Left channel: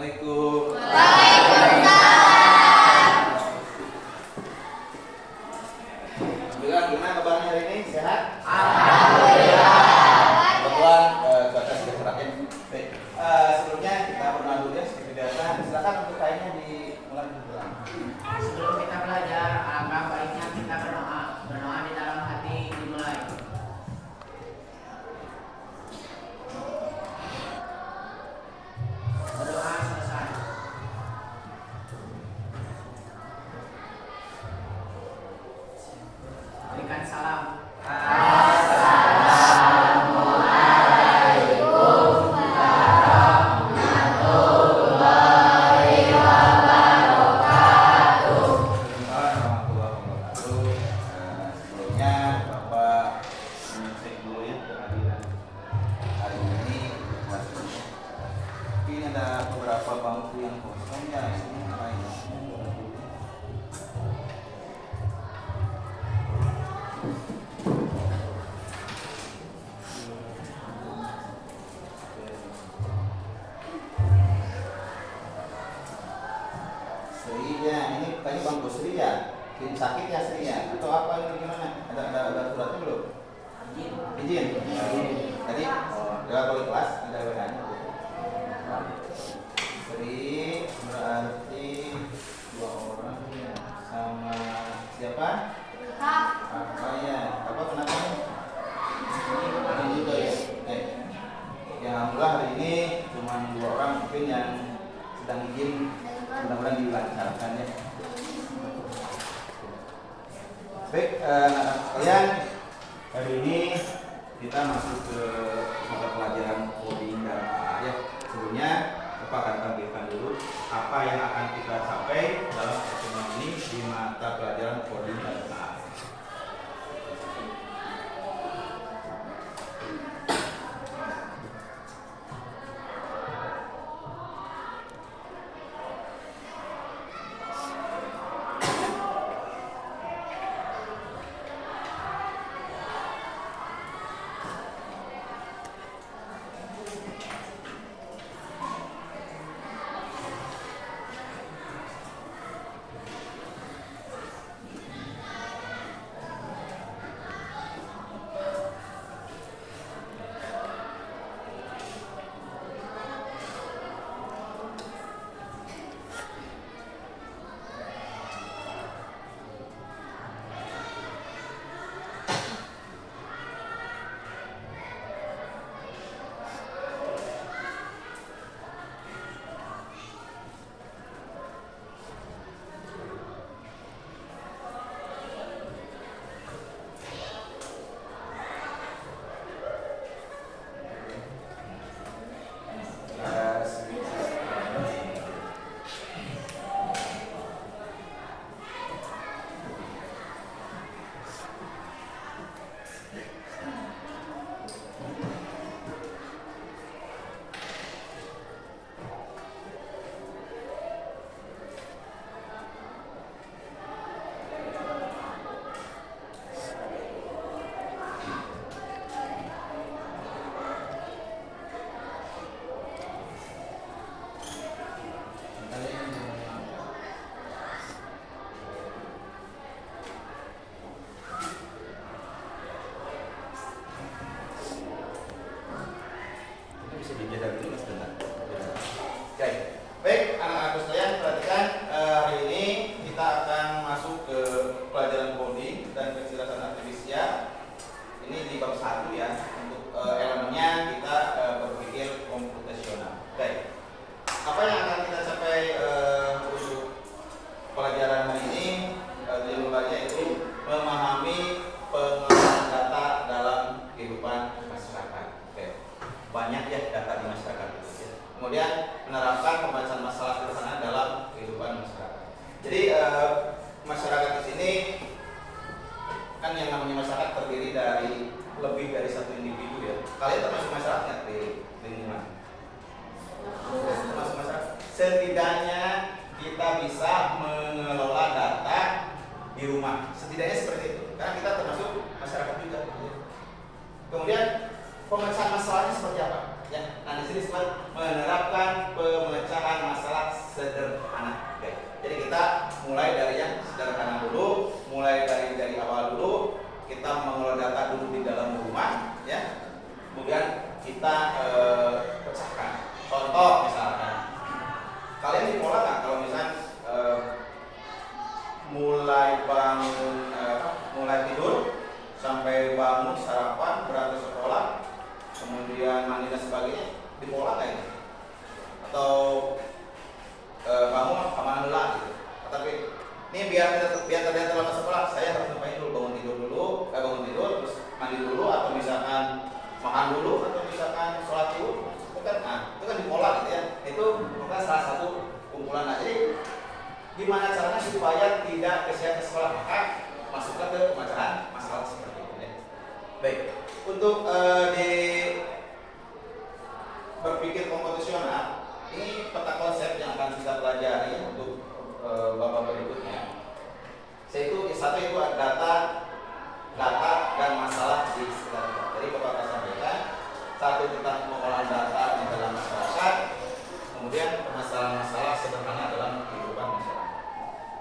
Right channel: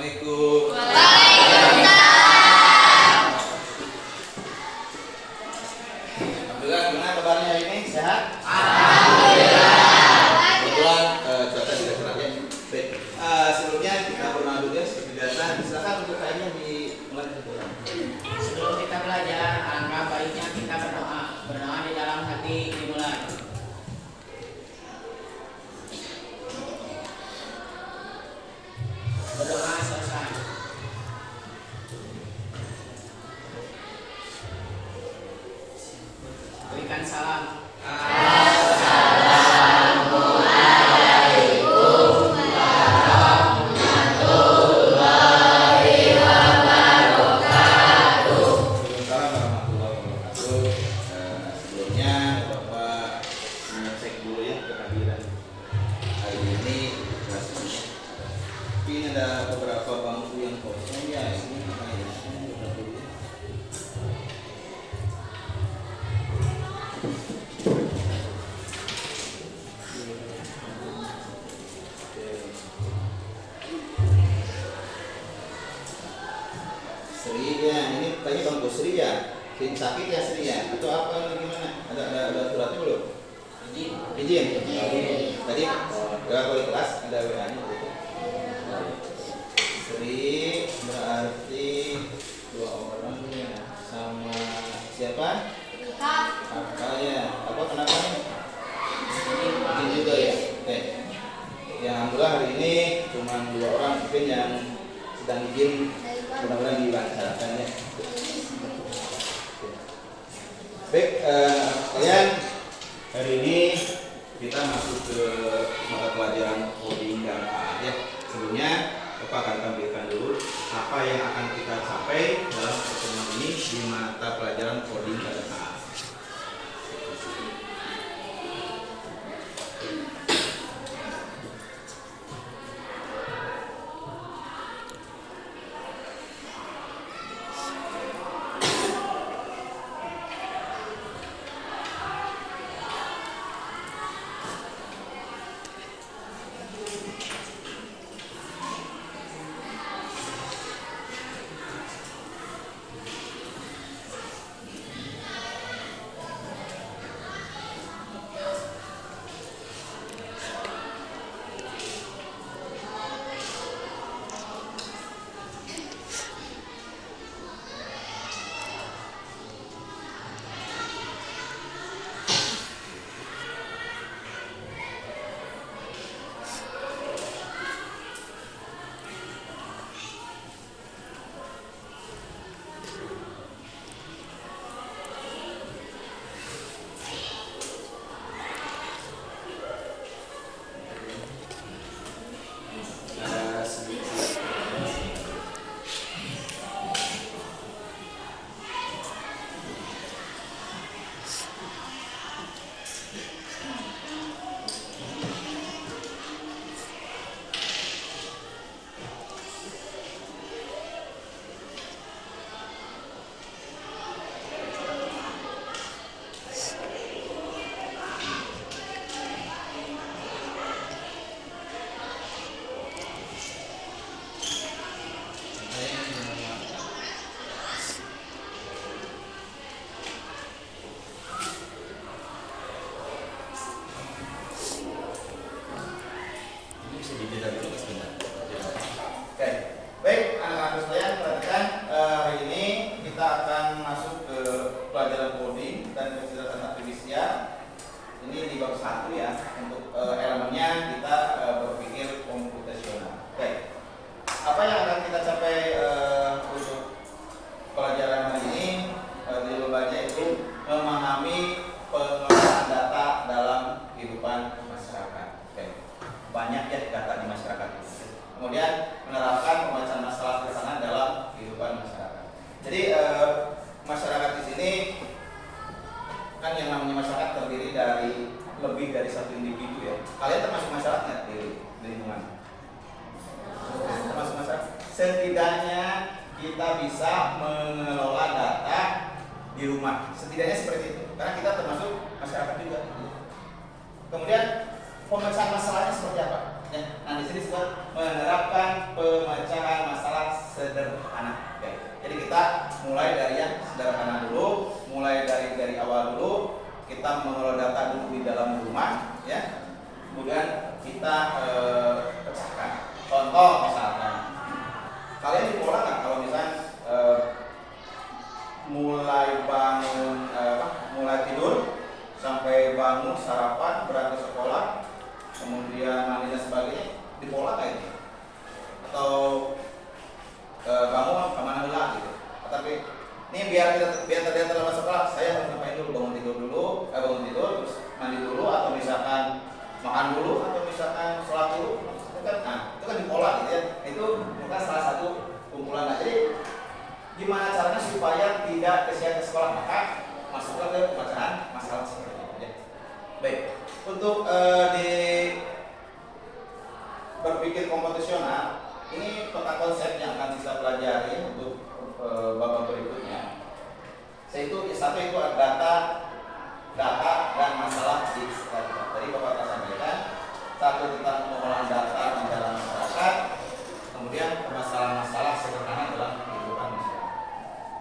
Assalamualaikum. Alhamdulillah, gimana kabarnya hari ini? Sehat? Kebetulan cuaca tidak cerahnya. Baik, sebelumnya kita berdoa dulu ya. Silakan untuk kayaknya dimulai berdoa. Sebelum kita belajar, alangkah baiknya kita berdoa. Berdoa di dalam hati dimulai. Berdoa selesai. Berikan salam. Sebelumnya Bapak mengecek dulu ya kehadiran hari ini kelas ini. Tapi ini ada beberapa bangku yang kosong ya, ini kayaknya coba dulu ya. Sri ya, ini kayaknya bangku Sri ya. Sakit ya Sri ya? Atau apa ini gimana? Ada suratnya belum? Izin. Jadi lewat wali kelas ada WA-nya gitu. Sri berarti dua orang ya. Sama siapa? Kakak ya. Apa kenapa? Izin juga ya. Oke. Ya alhamdulillah hari ini cuma dua orang mungkin yang sedang izin, mudah-mudahan dilancarkan ya. Baik, kalian hari ini kita masuk ke mata pelajaran coding dan AA ya. Sebelumnya Bapak akan tampilkan dulu apa yang akan kita capai dalam pertemuan ini di mata pelajaran coding dan AA. Oke, baik anak-anak sekalian perhatikan hari ini kita akan masuk ke pelajaran coding dan kecerdasan artifisial. Ini di bab 1 ya. Untuk elemennya kita berpikir komputasional. Oke, apa yang akan kita capai untuk pelajaran hari ini? Tujuan pembelajarannya itu memahami penggunaan data dalam kehidupan masyarakat. Oke, banyak ya data di masyarakat. Kemudian menerapkan pembacaan masalah sederhana dalam kehidupan masyarakat. Jadi masyarakat di sini kan yang namanya masyarakat terdiri dari lebih dari satu individu ya. Kalian termasuk masyarakatnya di lingkungan. Termasuk masyarakat. Setidaknya kita bisa mengelola data di rumah. Setidaknya seperti itu. Karena kita termasuk masyarakat juga. Kemudian pemecahan masalahnya seperti apa? Ya. Nah di sini disebut menerapkan pemecahan masalah sederhana. Oke. Jadi kita mulai dari yang sederhana dulu, mulai dari awal dulu. Kita mengelola data dulu di dalam rumah, ya. Kemudian kita pecahkan. Contoh misalkan, kalian di pola nggak kalau misalnya mulai bangun, mulai tidur sampai bangun sarapan berangkat sekolah, kemudian mandi dan sebagainya di pola nggak ini? Atau bangun kemana dulu gitu? Tapi ini biar terlihat dalam sekolah, saya harus ngapain dulu? Bangun tidur, terus mandi dulu, atau misalkan makan dulu, atau misalkan sholat dulu, itu kan di pola gitu ya. Itu maka salah satu kumpulan. Nah, jadi gimana caranya supaya tidak kesian ke sekolah, maka masukkan ke pemecahan masalah seperti itu ya. Baik, untuk di berpikir komputasional ini peta konsep yang akan kita pelajari untuk babak berikutnya. Satu itu data dan masalah di sekitar kita. Tadi Bapak akan sampaikan satu tentang pengolahan data di dalam masyarakat, kemudian permasalahan-masalah sederhana dalam kehidupan masyarakat.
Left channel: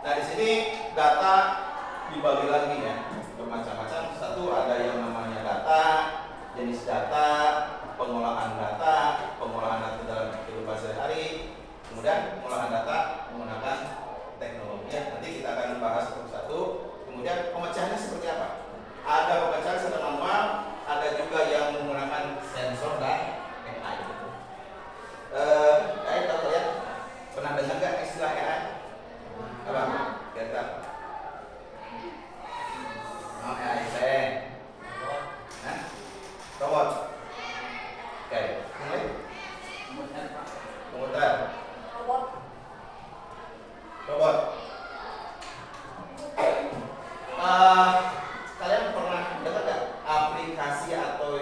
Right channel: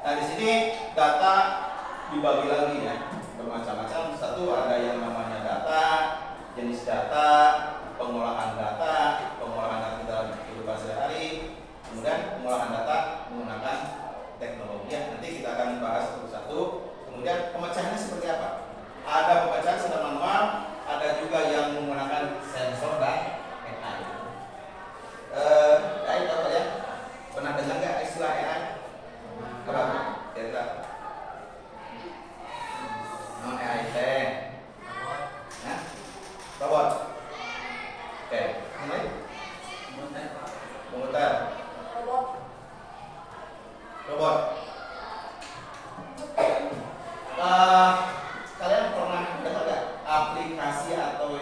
Nah di sini data dibagi lagi ya bermacam-macam. Satu ada yang namanya data, jenis data, pengolahan data dalam kehidupan sehari-hari, kemudian pengolahan data menggunakan teknologi. Ya, nanti kita akan bahas satu-satu. Kemudian pemecahannya seperti apa? Ada pemecahan secara manual, ada juga yang menggunakan sensor dan AI. AI tahu ya? Pernah dengar nggak istilah AI? Apa? Kira-kira? AI teh. Robot. Oke, ini komputer. Robot. Kalian pernah dengar nggak aplikasi atau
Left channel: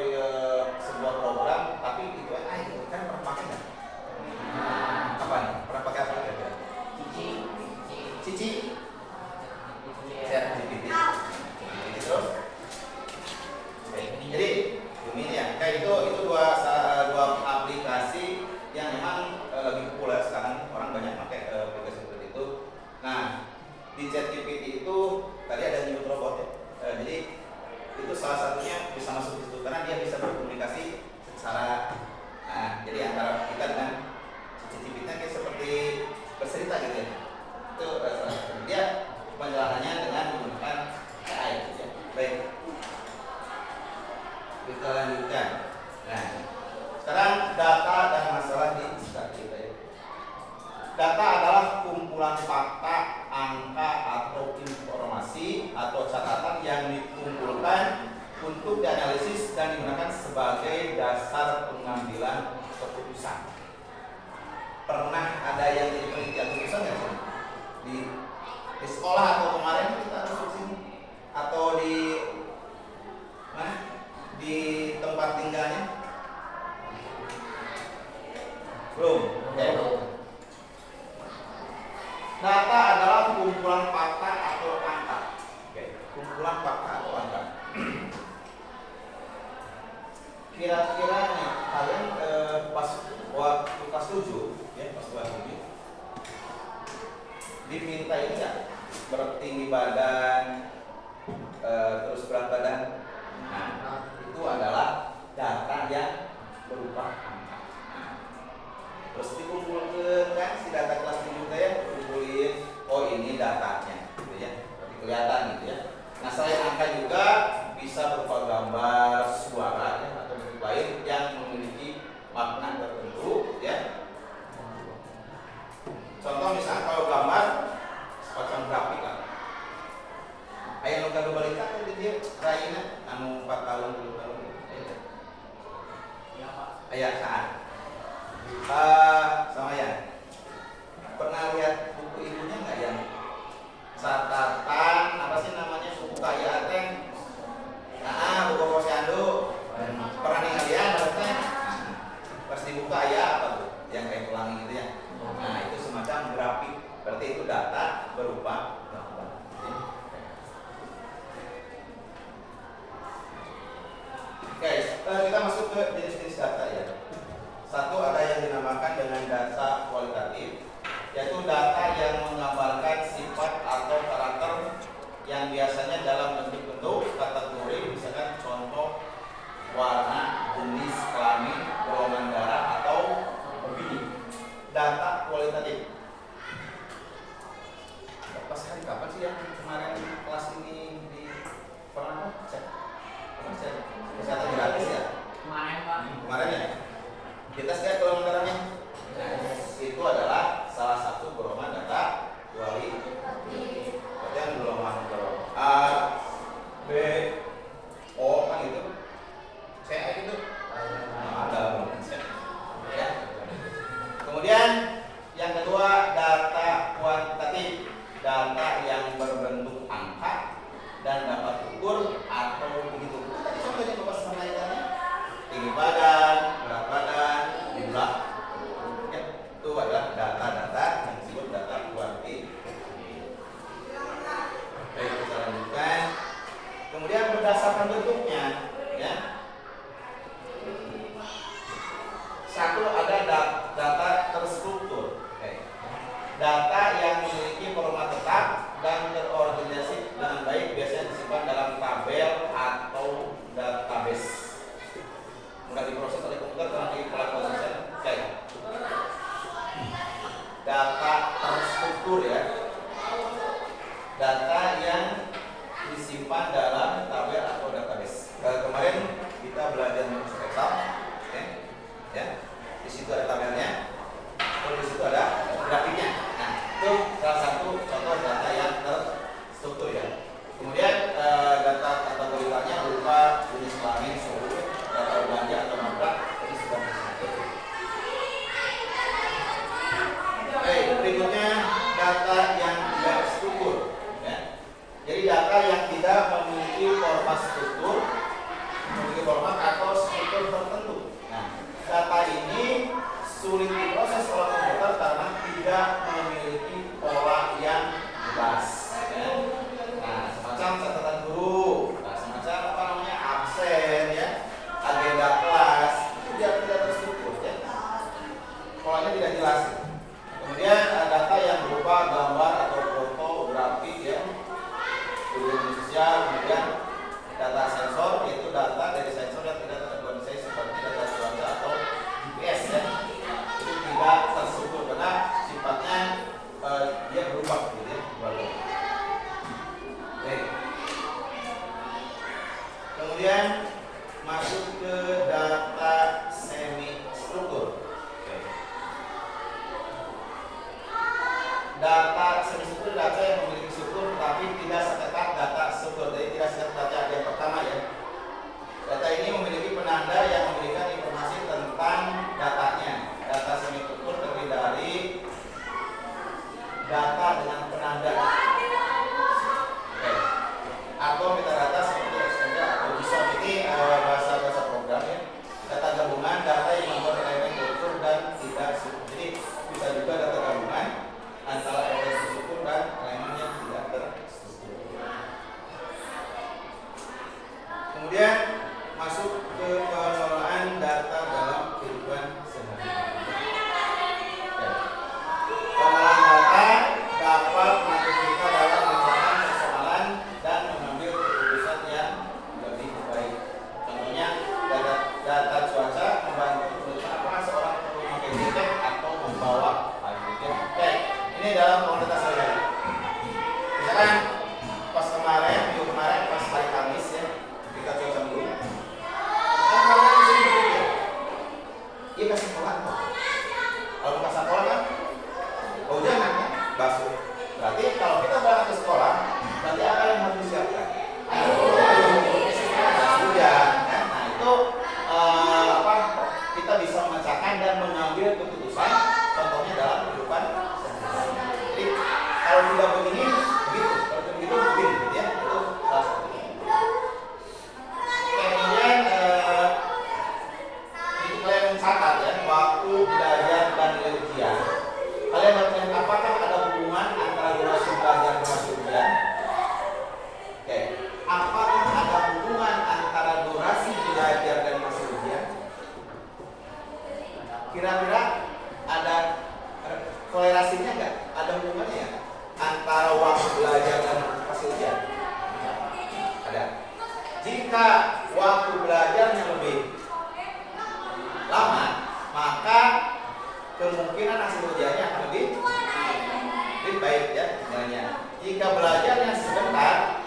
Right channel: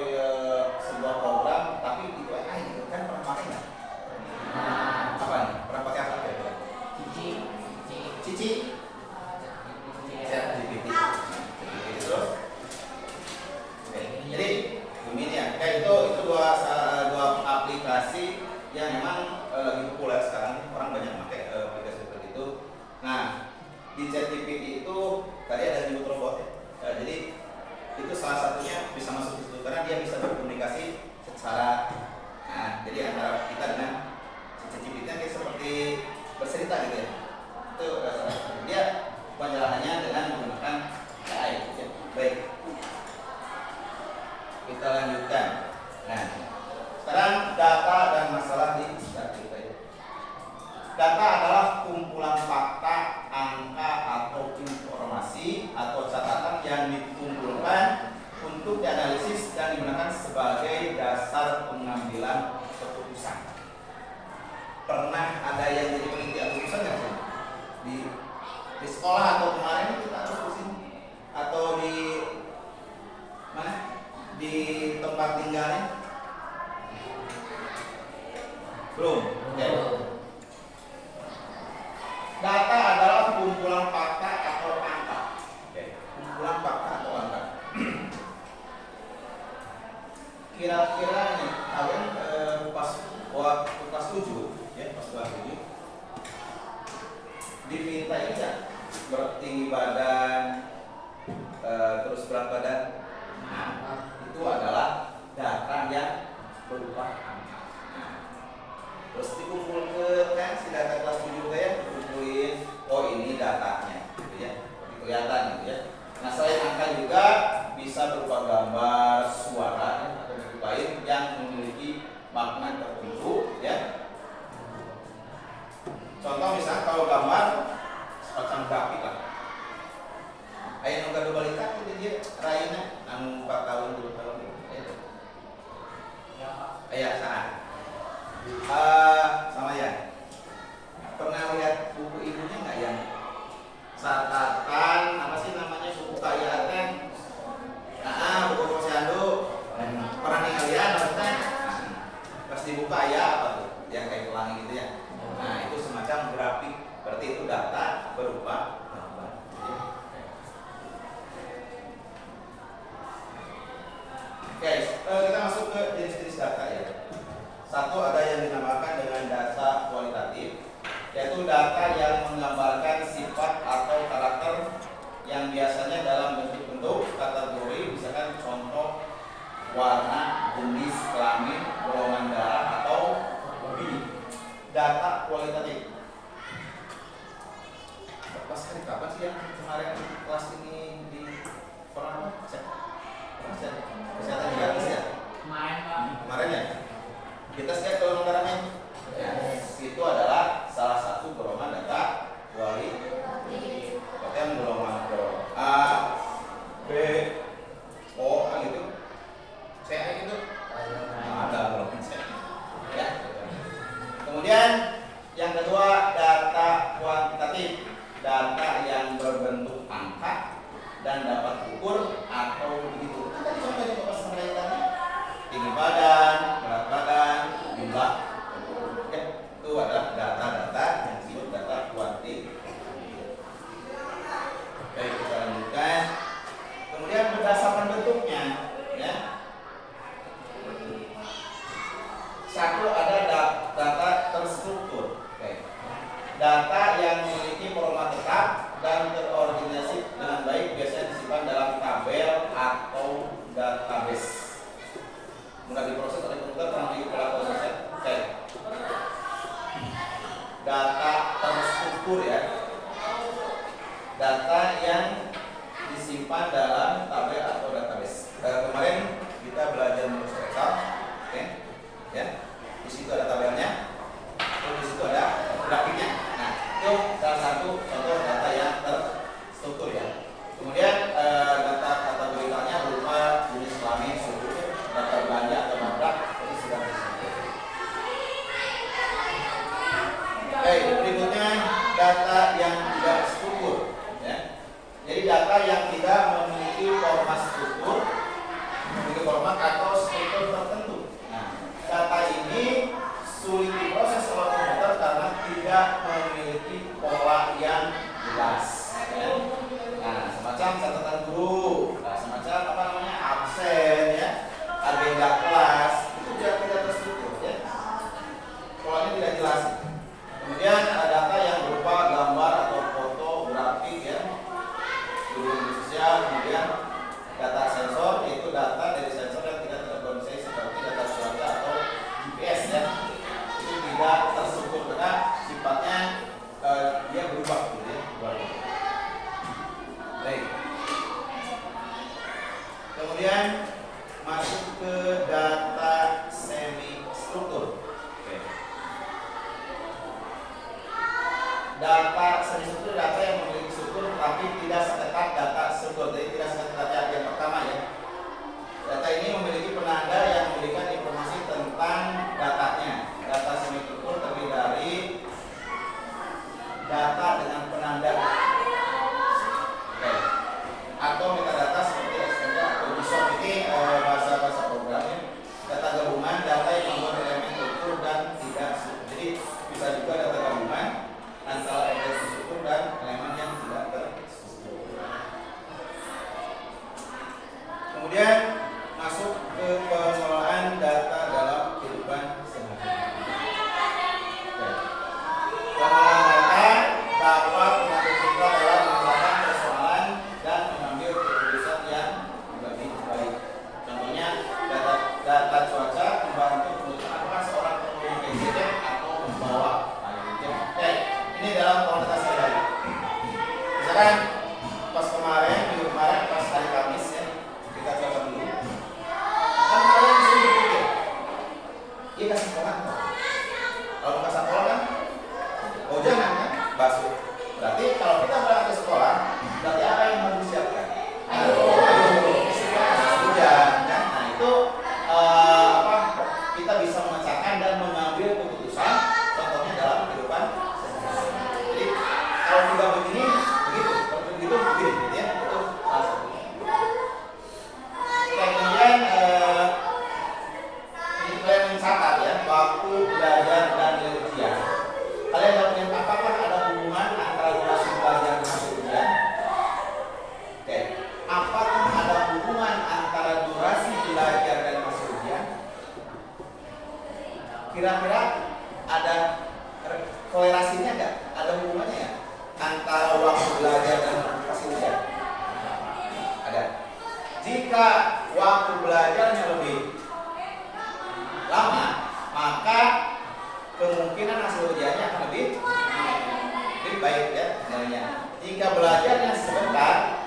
sebuah program tapi itu AI? Kan pernah pakai nggak? Apa nih? Pernah pakai apa kira-kira? Cici? ChatGPT. Terus? Oke. Jadi ini ya. Itu dua aplikasi yang memang lagi populer sekarang. Orang banyak pakai aplikasi seperti itu. Nah, di ChatGPT itu tadi ada nyebut robot ya. Jadi itu salah satunya bisa masuk ke situ karena dia bisa berkomunikasi secara jadi antara kita dengan ChatGPT kayak seperti bercerita gitu ya. Itu dia penjelasannya dengan menggunakan AI gitu ya. Baik. Kita lanjutkan. Nah, sekarang data dan masalah di sekitar kita ya. Data adalah kumpulan fakta, angka atau informasi atau catatan yang dikumpulkan untuk dianalisis dan digunakan sebagai dasar pengambilan keputusan. Pernah ada yang jadi penelitian keputusan nggak sih? Di sekolah atau kemarin kita harus di sini atau di mana? Di tempat tinggalnya? Belum. Data adalah kumpulan fakta atau angka. Kumpulan fakta atau angka. Kira-kira nih kalian pas waktu kelas 7 ya, pas kelas 7 diminta ini ya bertinggi badan, terus berat badan. Nah, itu adalah data yang berupa angka. Terus dikumpulkan kan si data kelas 7 ya, dikumpulin, oh ini datanya gitu ya, kelihatan gitu ya. Nah selain angka juga bisa berupa gambar, suara ya, atau bentuk lain yang memiliki makna tertentu ya. Contoh misalnya kalau gambar semacam grafik lah. Ayah nunggu balita itu dia raina anu 4 tahun 7 tahun gitu. Ayah saat sama ya. Pernah lihat buku ibunya nggak yang catatan apa sih namanya suku kaya teh? Buku posyandu. Pernah nih kalian maksudnya? Pas dibuka ya apa tuh? Yang kayak pelangi gitu ya. Nah itu semacam grafik. Berarti itu data berupa gambar. Oke, kita masuk ke jenis-jenis data ya. warna, jenis kelamin, golongan darah atau hobi. Data kualitatif. Pas hari kapan sih yang kemarin kelas ini di pernah cek? Kesehatan gratis ya? Kemarin Pak. Kemarin ya? Kita lihat golongan darahnya. Itu adalah salah satu golongan data kualitatif. Berarti yang golongan A, B, O kan gitu. C gitu. Ada golongan C. Ya. Kemudian yang kedua data kuantitatif, data yang berbentuk angka dan dapat ukur atau begitu. Tadi contohnya Bapak sampaikan tinggi badan, berat badan, jumlah. Ya, itu adalah data-data yang disebut data kuantitatif. Baik, kita lanjutkan. Kemudian berdasarkan bentuknya, ya. Satu ada data terstruktur. Data yang memiliki format tetap dan terorganisasi dengan baik biasanya disimpan dalam tabel atau database. Mudah diproses oleh komputer karena memiliki pola proses. Data terstruktur ya. Data yang disimpan dalam tabel atau database. Kemarin kita belajar mengenai Excel, oke? Ya. Di situ ada tabelnya, terus di situ ada grafiknya. Nah, itu salah satu contoh data yang terstruktur ya. Kemudian data kategorinya berupa jenis kelamin, suhu, data belanja atau nabrak, ini sudah terstruktur. Baik, berikutnya data yang tidak struktur. Ya. Jadi data yang tidak memiliki format struktur, memiliki format atau struktur tertentu. Nah, data ini sulit diproses oleh komputer karena tidak memiliki pola yang jelas. Ya. Nah, semacam catatan guru, nah, semacam apa namanya absen, ya, agenda kelas, itu tidak terstruktur, ya. Polanya tidak jelas. Kemudian data yang berupa gambar atau foto, grafik, ya, khususnya kemudian data sensor, yaitu data dari sensor yang tidak terorganisasi seperti data cuaca atau GPS, ya. Tidak terstruktur karena sifatnya dia berubah gitu ya, Baik. Kemudian masuk ke data semi struktur. Data semi struktur data yang memiliki struktur tapi tidak seketat data struktur. Jadi tidak seketat data yang pertama ya. Data ini memiliki penanda yang memberikan informasi tentang datanya. Data semi struktur terdiri dari data dengan penanda atau metadata seperti extender atau JSON. Ini bahasa program ya. Data gabungan, data yang membuat elemen struktur dan tidak struktur. Jadi bisa juga data gabungan antara elemen struktur dan elemen yang tidak terstruktur. Kemudian masuk ke pengelolaan data dalam kehidupan sehari-hari. Pengelolaan data dapat membantu kita dalam memecahkan persoalan dan mengambil keputusan yang lebih baik. Contohnya data cuaca membantu menentukan apakah seorang perlu memakai jaket atau membawa jaket. Oke, ini dalam komunitas saya. Misalkan pas kemarin, minggu kemarin pas hari Kamis ya, kita cuaca dulu. Kan kemarin sering berpikir, iya kasih sekolah kok. Kalau bukan sekolah kan, hujanan kan, basuh. Berarti kalau kita berangkat ke sekolah, berarti apa yang harus disiapkan? Hujan, kan? Nah itu kita bisa memecahkan dan mengambil keputusan, contohnya dalam kehidupan sehari-hari. Jadi kalau tidak begini, begitu. Kalau begitu, begini, ya. Itu salah satu. Kemudian kalian mencatat ya waktu belajar dan nilai ujian. Kalian dapat melihat apakah ada hubungan antara durasi belajar dan hasil ujian? Oke. Apakah ada hubungan antara durasi belajar dan hasil ujian? Kira-kira ada korelasinya nggak? Ada hubungannya ya antara waktu belajar dan hasil ujian? Ada. Jika waktu belajarnya lebih lama, maka kemungkinan hasil ujiannya akan lebih baik ya nilainya. Jika belajarnya sebentar,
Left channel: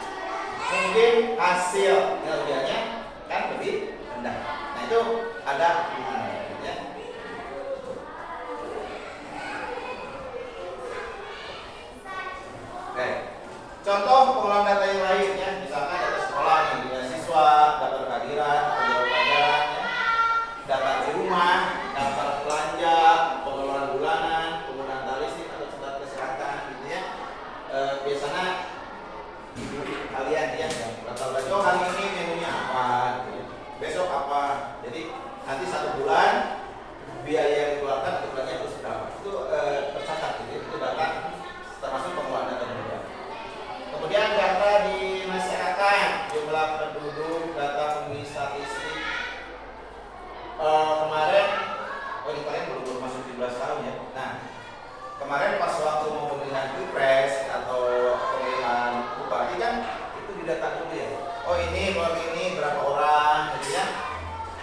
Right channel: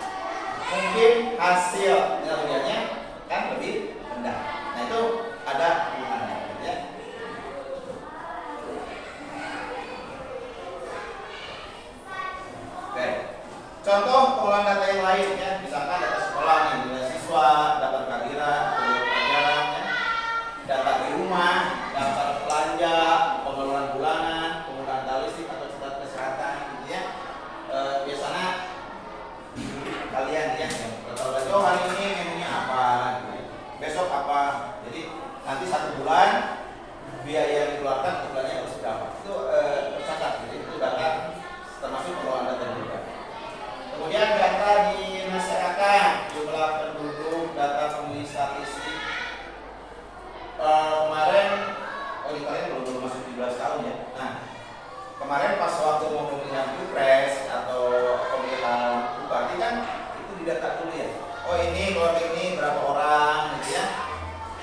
mungkin hasil ujiannya kan lebih rendah. Nah itu ada hubungannya ya. Oke. Contoh pengolahan data yang lain ya, misalkan data sekolah nih, data siswa, data kehadiran, pelajaran ya, data di rumah, data belanja, pengeluaran bulanan, penggunaan data listrik atau catatan kesehatan gitu ya. Biasanya kalian ya data belanja, oh hari ini menunya apa, gitu. Besok apa, jadi nanti 1 bulan biaya yang dikeluarkan atau belanja harus berapa, itu tercatat gitu, itu data termasuk pengelolaan data juga. Kemudian data di masyarakat, jumlah penduduk, data pemilih statistik. Kemarin, di kalian belum masuk 17 tahun ya. Nah, kemarin pas waktu mau pemilihan pilpres atau pemilihan bupati kan itu didata dulu ya. Oh ini keluarga ini berapa orang, gitu ya.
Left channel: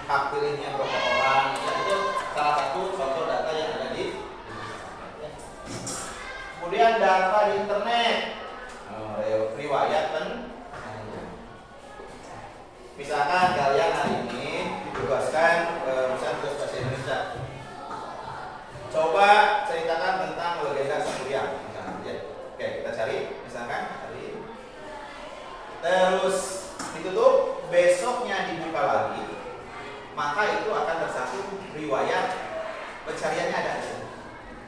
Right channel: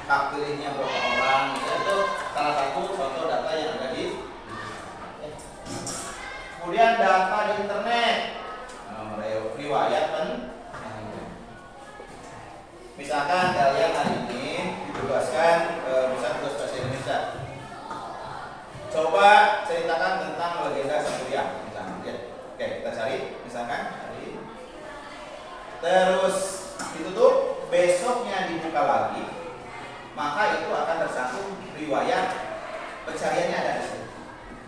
Hak pilihnya berapa orang, gitu. Itu salah satu contoh data yang ada di. Kemudian data di internet. Riwayat misalkan kalian hari ini ditugaskan misalnya tugas bahasa Indonesia, coba ceritakan tentang legenda Sang Kuryang misalnya ya. Oke, kita cari misalkan hari, terus itu tuh besoknya dibuka lagi, maka itu akan tersangkut riwayat pencariannya ada di sini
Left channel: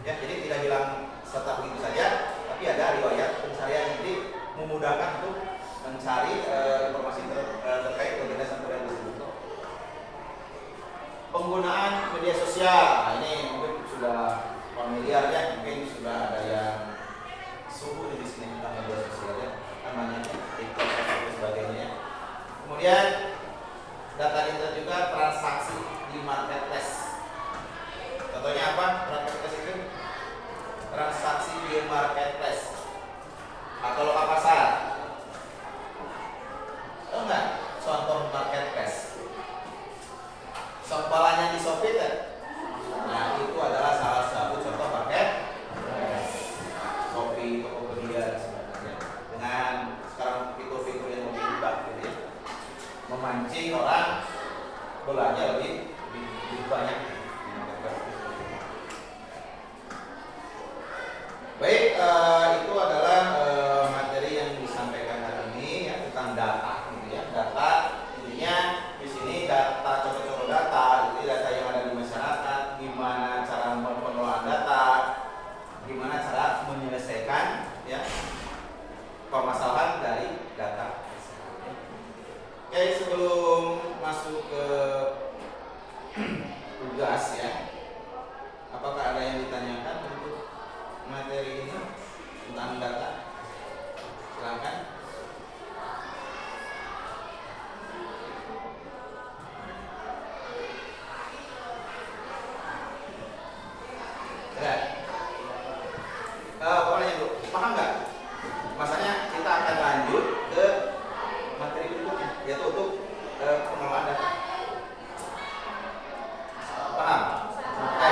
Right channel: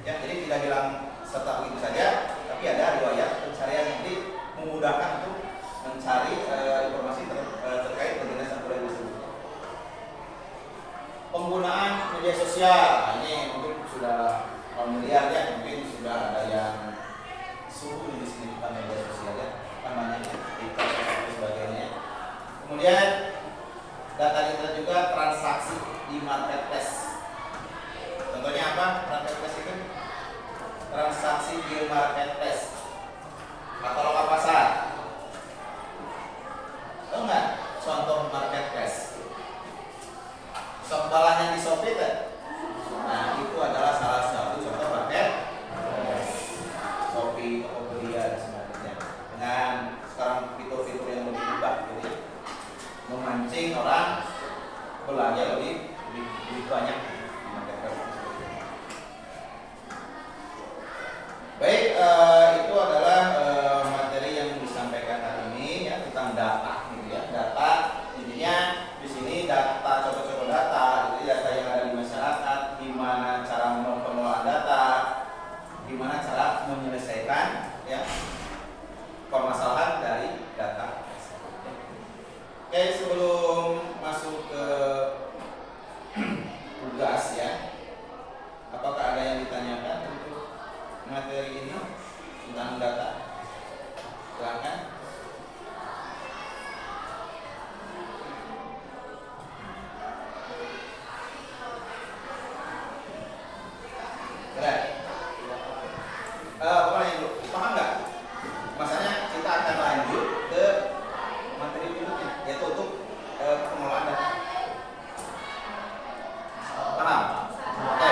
ya. Jadi tidak bilang serta begitu saja, tapi ada riwayat pencarian, jadi memudahkan untuk mencari informasi terkait legenda Sang Kuryang tersebut. Penggunaan media sosial, ini mungkin sudah familiar ya, mungkin sudah ada yang suhu di sini tentang media sosial ya, namanya TikTok dan sebagainya. Kemudian data internet juga transaksi di marketplace. Contohnya apa? Marketplace itu transaksi di marketplace atau lokal pasar. Oh enggak, contoh marketplace. Sempalannya di Shopee kan? Nah, itu adalah salah satu contoh marketplace. Shopee, Tokopedia dan sebagainya. Dengan sekarang fitur-fitur yang lebih mudah gitu ya. Memancing orang belanja lebih banyak di marketplace. Baik, itu adalah materi yang disampaikan hari ini ya tentang data, gitu ya. Data intinya di sini data, contoh-contoh data, jadi data yang ada di masyarakat, gimana cara pengelolaan data, gimana cara menyelesaikan ya permasalahan dari data. Oke, sebelum masuk ke tugas ya, apakah ada yang ditanyakan untuk materi ini tentang data? Silakan. Boleh itu, paham nggak? Masalahnya kita akan lanjut ke materi berikutnya, yaitu untuk pengelolaan data. Paham? Oke.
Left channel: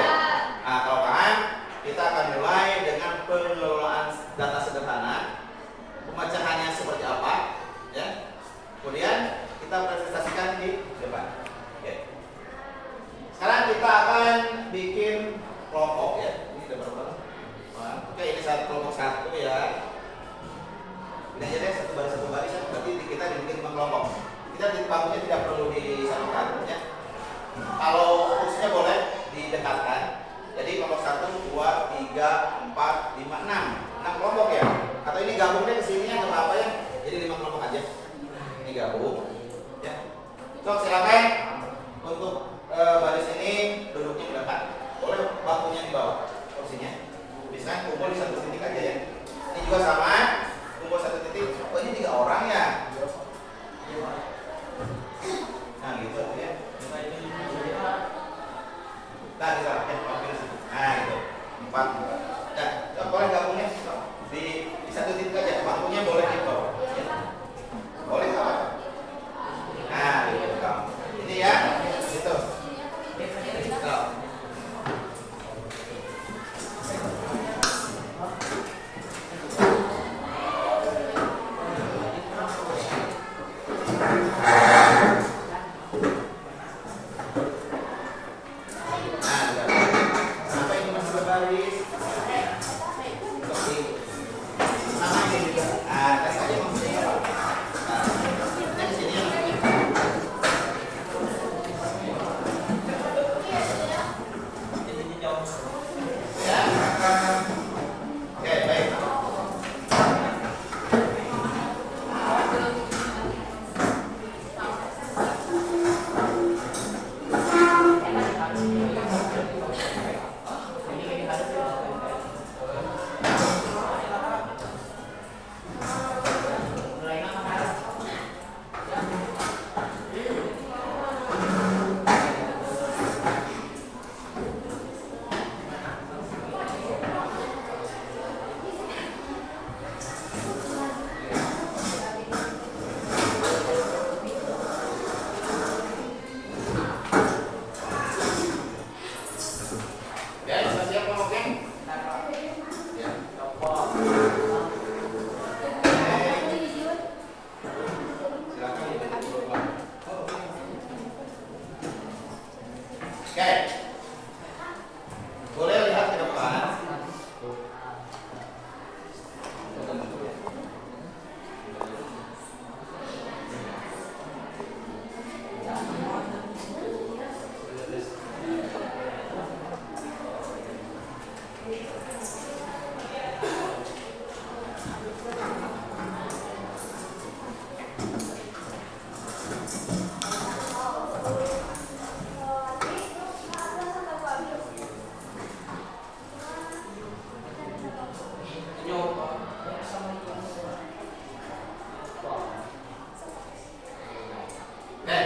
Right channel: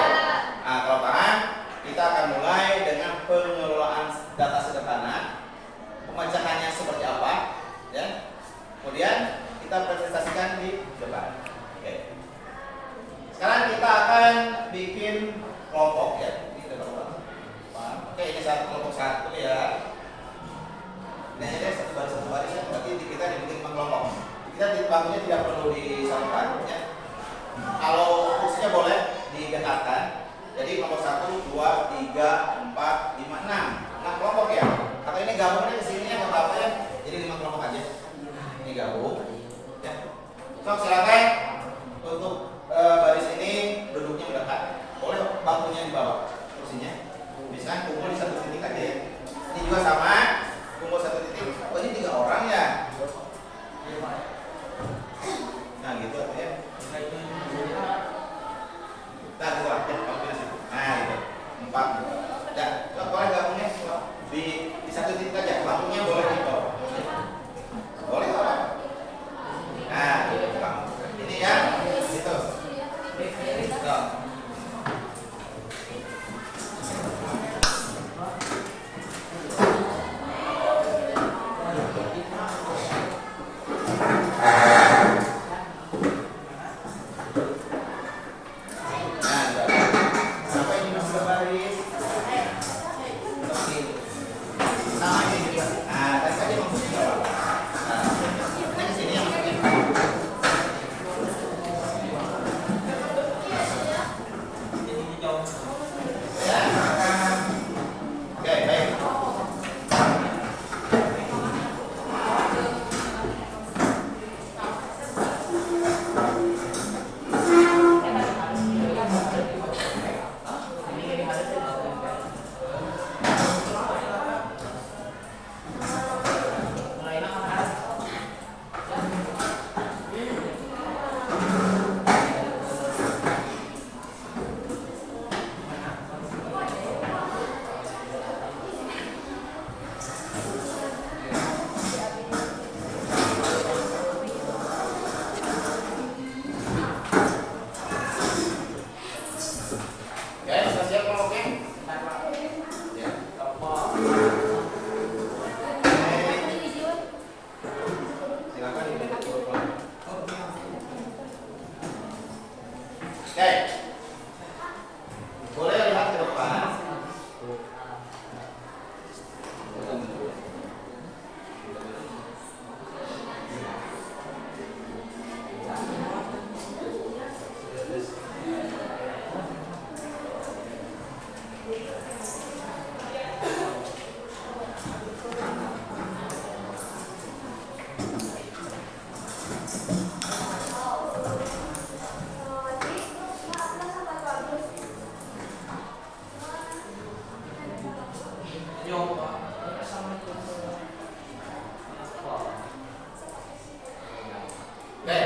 Nah, kalau paham, kita akan mulai dengan pengelolaan data sederhana, pemecahannya seperti apa, ya. Kemudian kita presentasikan di depan. Oke. Sekarang kita akan bikin kelompok ya. Ini depan. Oke, ini kelompok 1 ya. Ini aja deh, satu baris ya. Berarti kita dibikin 5 kelompok. Kita di bangunnya tidak perlu disatukan ya. Kalau fungsinya boleh didekatkan. Jadi kelompok 1, 2, 3, 4, 5, 6 kelompok ya. Atau ini gabungnya ke sini ya, apa ya. Jadi 5 kelompok aja. Ini gabung ya. So, silakan untuk baris ini duduknya mendekat. Boleh bangkunya di bawah kursinya. Bisa kumpul di satu titik aja ya. Ini juga sama, kumpul satu titik. Oh ini 3 orang ya. Nah gitu ya. Nah gitu ya, pilih satu. Nah gitu, 4. Dan boleh gabungnya di satu titik aja. Bangkunya boleh di bawah. Boleh apa? Nah gitu. Oke. Boleh lihat ke depan. Oke.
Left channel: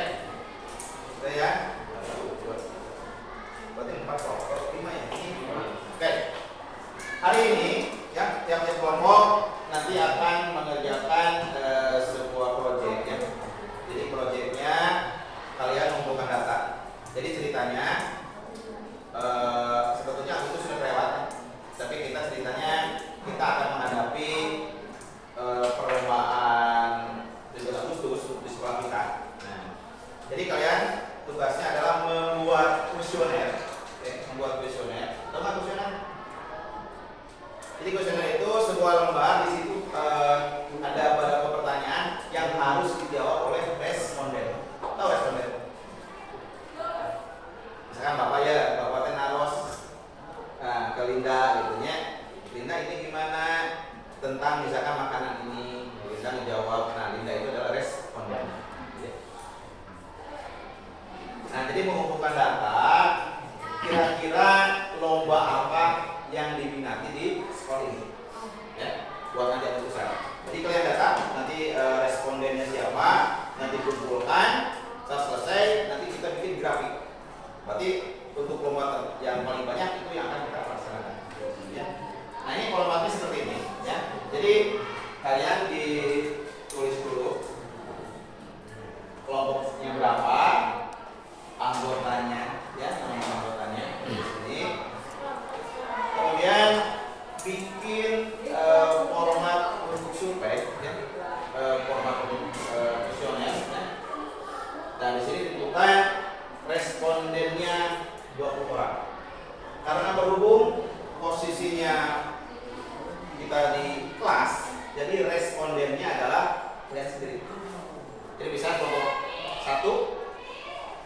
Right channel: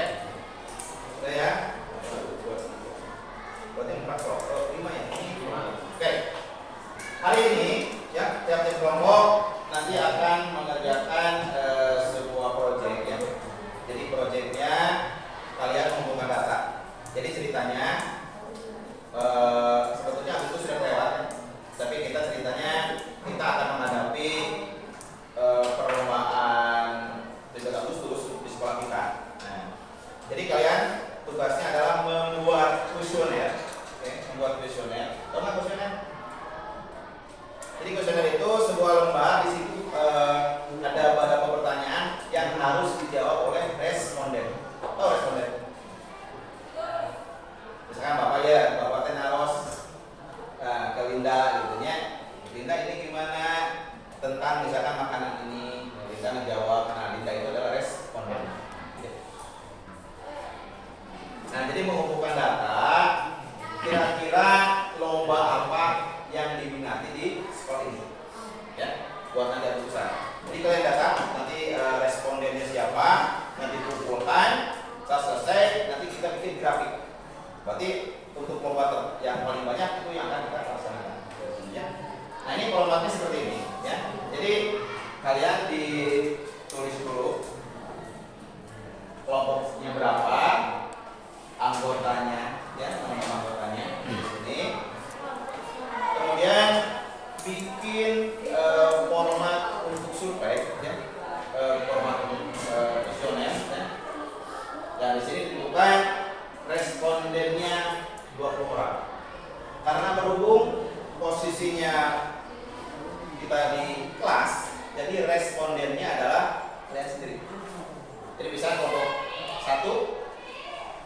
Oke ya. Berarti 4 kelompok, 5 ya. Oke. Hari ini ya tiap-tiap kelompok nanti akan mengerjakan sebuah proyek ya. Jadi proyeknya kalian mengumpulkan data. Jadi ceritanya sebetulnya itu sudah lewat ya. Tapi ceritanya kita akan menghadapi perlombaan 17 Agustus di sekolah kita. Nah, jadi kalian tugasnya adalah membuat kuesioner. Oke, membuat kuesioner. Tahu nggak kuesioner? Jadi kuesioner itu sebuah lomba. Di situ ada beberapa pertanyaan yang harus dijawab oleh responden. Tahu responden? Misalkan Bapak naros ke Linda gitu ya. Linda ini gimana tentang misalkan makanan ini? Linda menjawab. Nah, Linda itu adalah responden. Nah, jadi mengumpulkan data, kira-kira lomba apa yang diminati di sekolah ini, ya, buat nanti ada besar. Jadi kalian data, nanti respondennya siapa, nanti kumpulkan, setelah selesai, nanti kita bikin grafik. Berarti untuk lomba yang paling banyak itu yang akan kita laksanakan. Ya. Nah, ini formatnya seperti ini, ya. Jadi kalian ditulis dulu kelompoknya berapa, anggotanya, ya, nama anggotanya di sini. Kemudian bikin format untuk survei, ya, format untuk kuesioner, ya. Dan di sini ditentukan respondennya 20 orang. Karena berhubung posisinya kita di kelas, jadi respondennya adalah kalian sendiri. Jadi bisa kelompok 1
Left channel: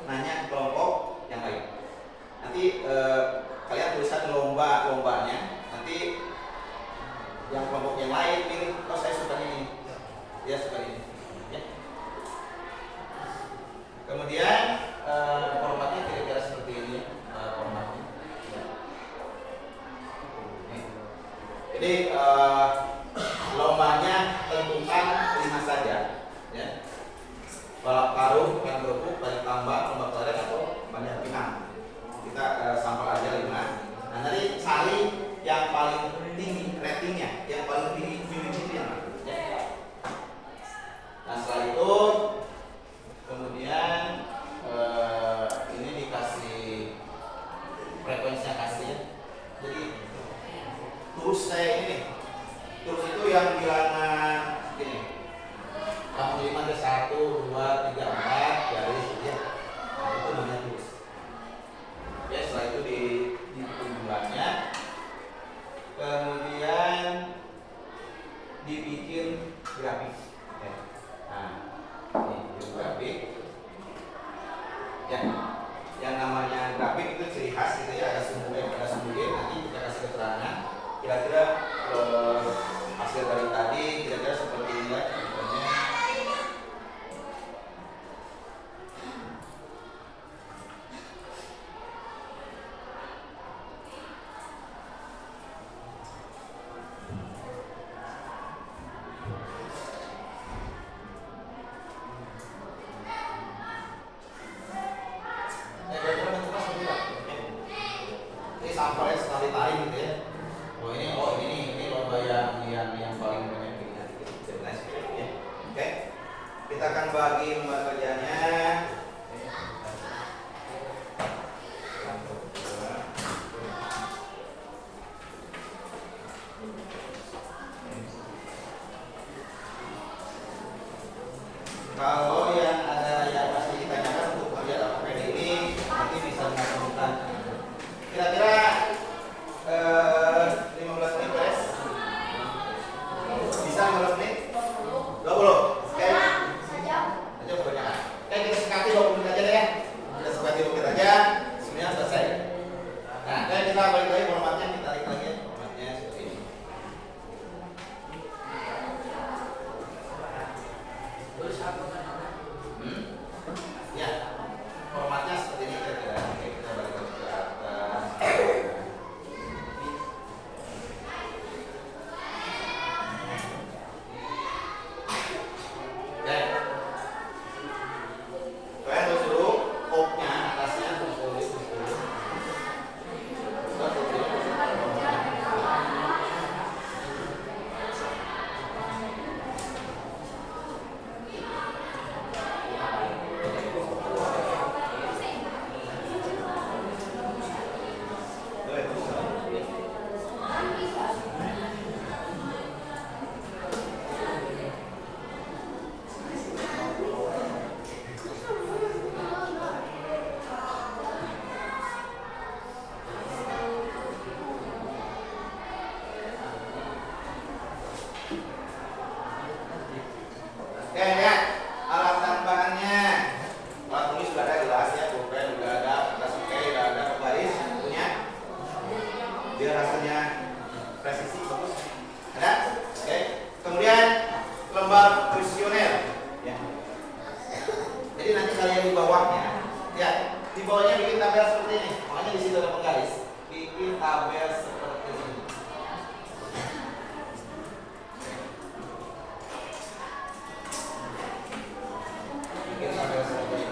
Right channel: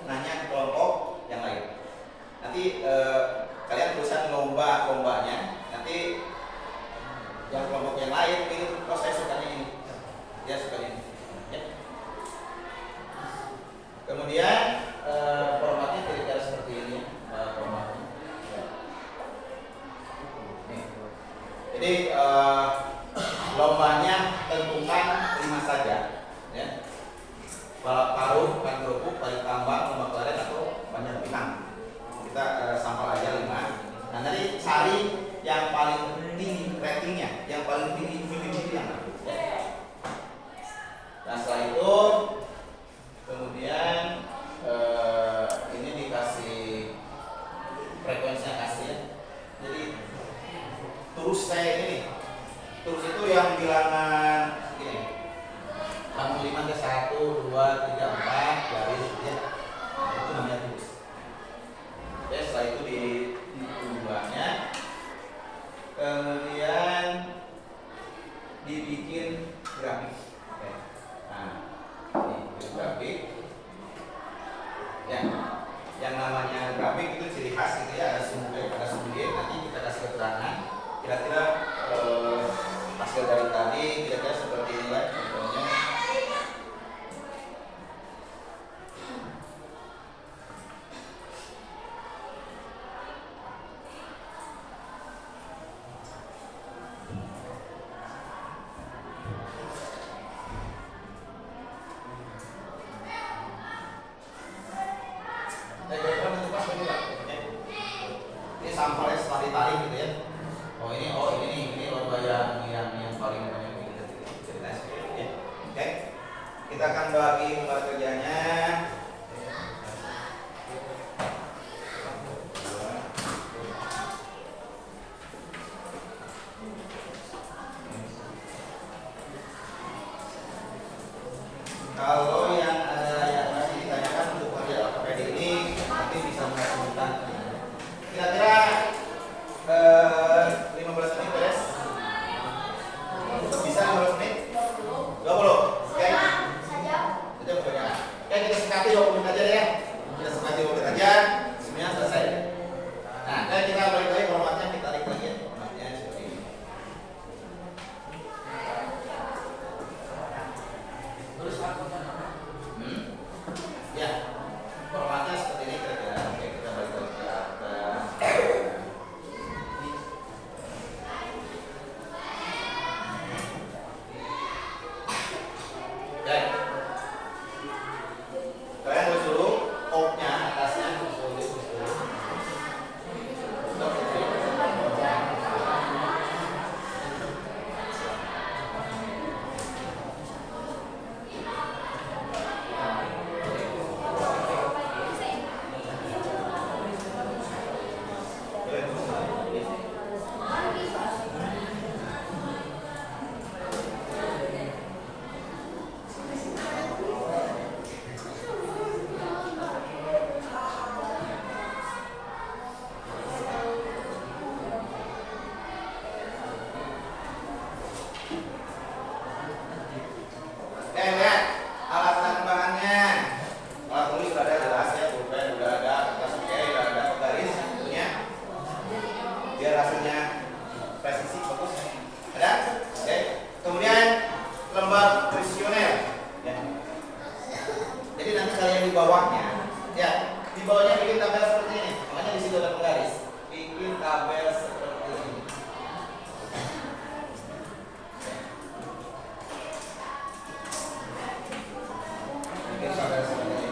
nanya ke kelompok yang lain. Nanti kalian tulisan lombanya. Nanti yang kelompok yang lain ini, oh saya suka ini, dia suka ini. Ya. Kemudian formatnya kira-kira seperti ini formatnya. Ya. Jadi lombanya tentukan 5 saja. Ya. Balap karung, main kerupuk, banyak tambang, lomba kelereng atau banyak pinang. Kita sampel aja 5. Nah, nanti cari yang paling tinggi ratingnya, yang paling tinggi itu yang mana? Ya. Nah, setelah itu kemudian ini dikasih frekuensinya kasih ya. Jadi terus saya ini, terus itu yang bilangan gini. 65 ke 1, 2, 3, 4 garis ya. Nah, itu namanya tulis. Ya, setelah itu di tujuannya, kemudian dibikin grafik. Ya. Nah, ini grafik. Ya, yang namanya grafik itu ciri khas gitu ya. Ada sumber, nanti kita kasih keterangan. Kira-kira hasil dari tadi kira-kira seperti ini lah. Contohnya. Ini sampelnya setelah ditarik gitu ya. Ini lomba yang paling banyak dilihat ya. Oke. Kita akan bagi lembar kerjanya. Kalau yang ada yang masih ditanyakan untuk pengerjaan APD ini nanti bisa menghubungi hasilnya presisi bagus. Ada? Oke. Kemudian lembar kuesioner. Ya. Jadi nanti kalian di bawahnya, ya di bawahnya bikin tabel seperti ini. Makanya di situ ada penggaris. Bikin tabel seperti ini. Bikin tabel seperti ini.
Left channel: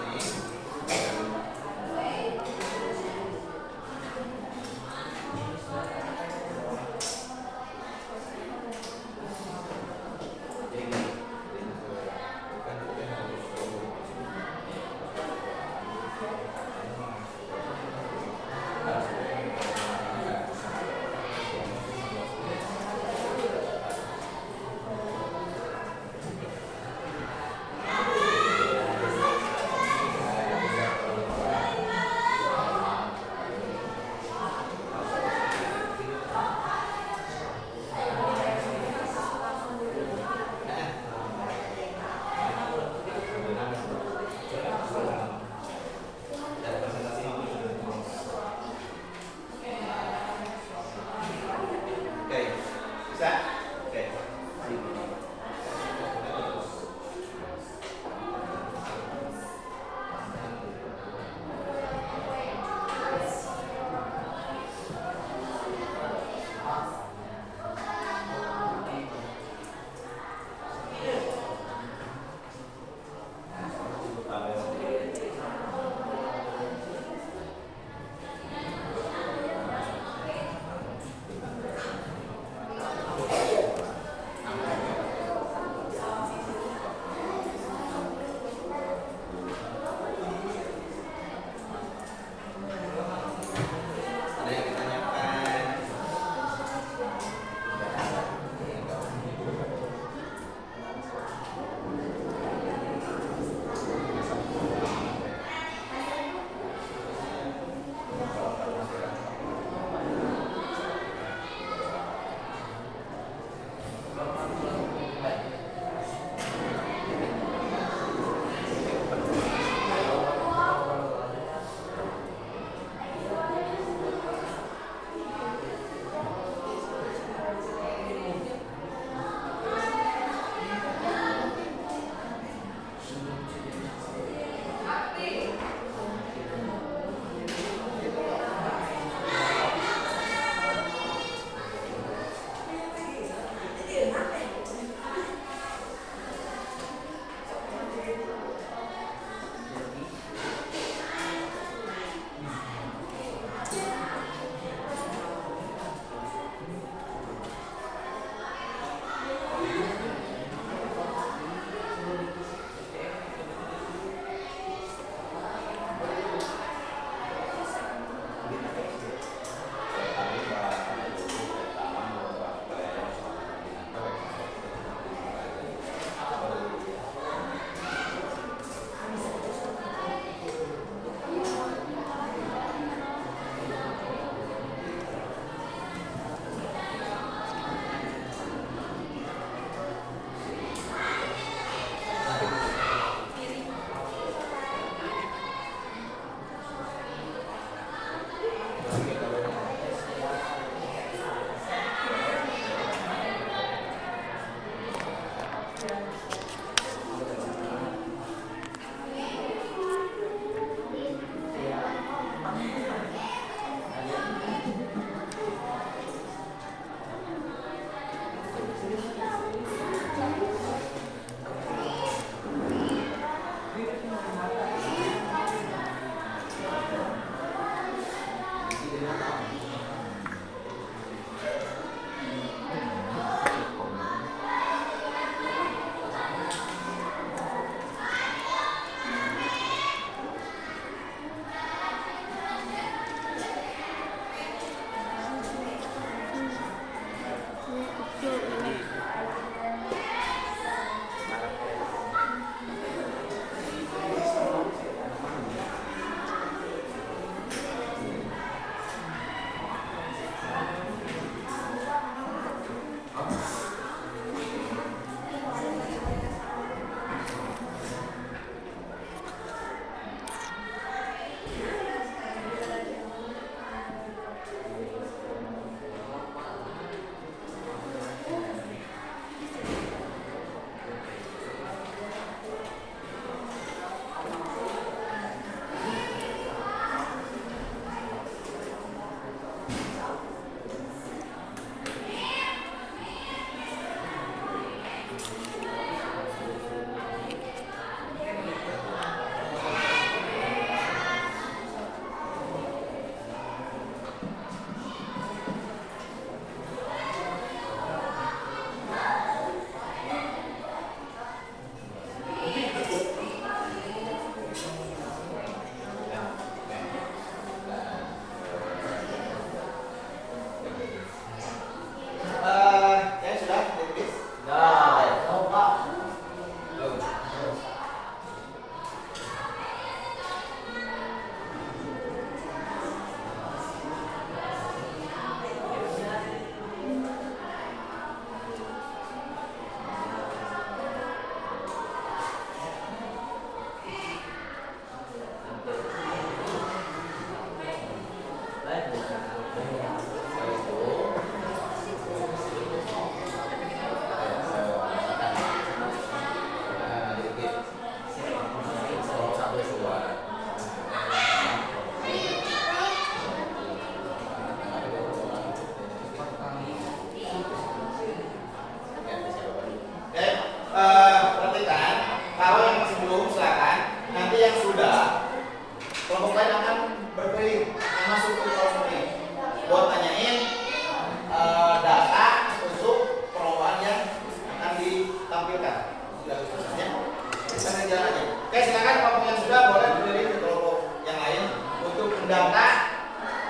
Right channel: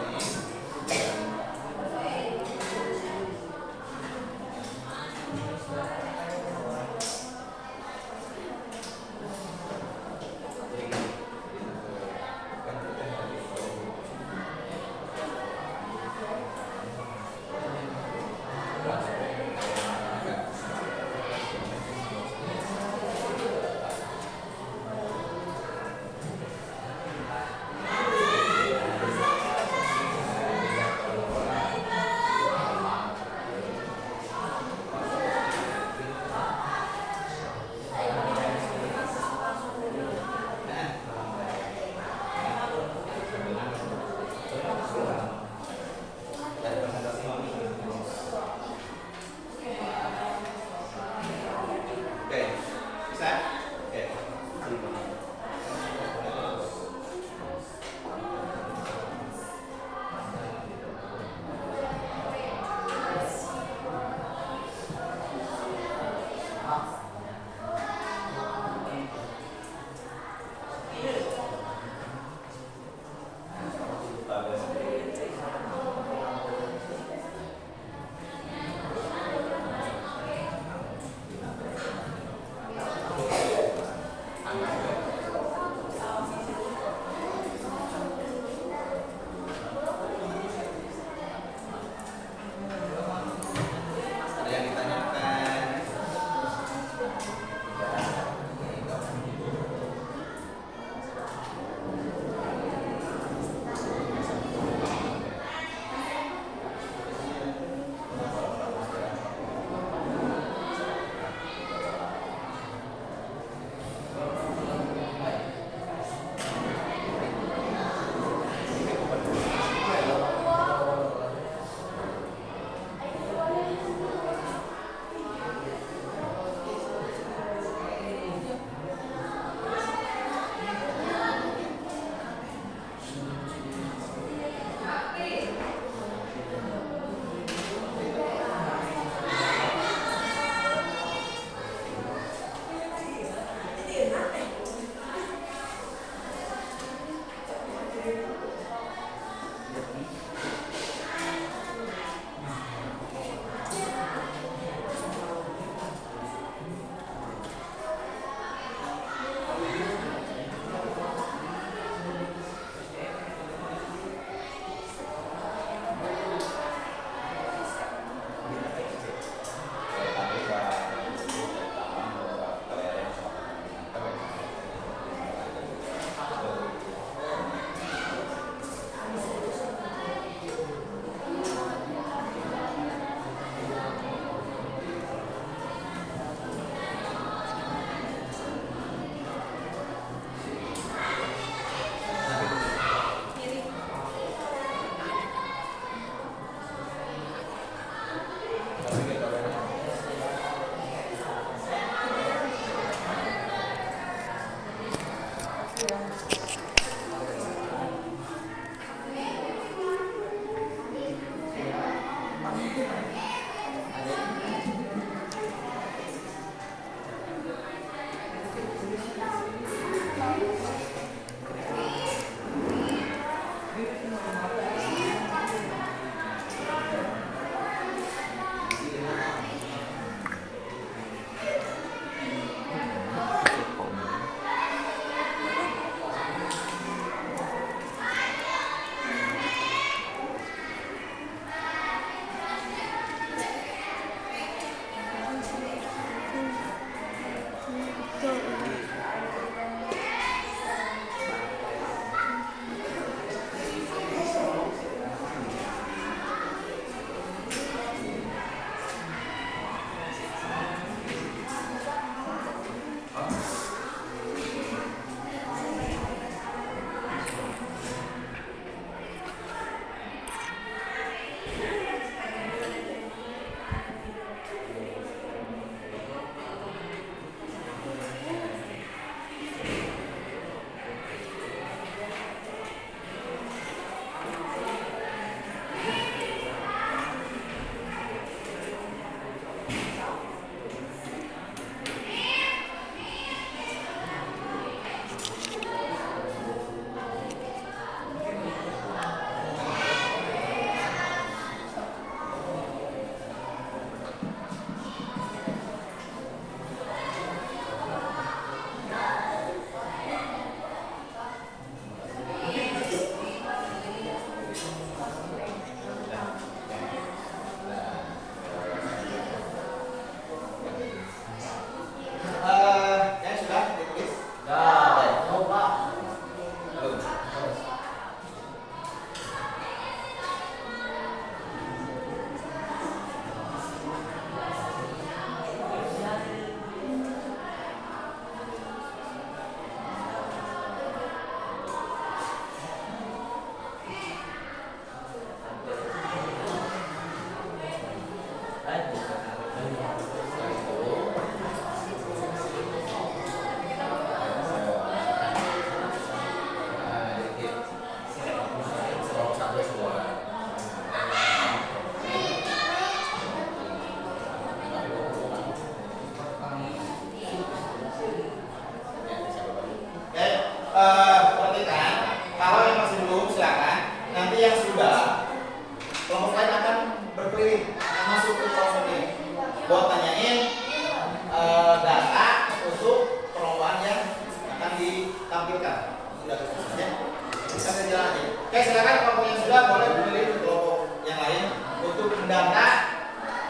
mendata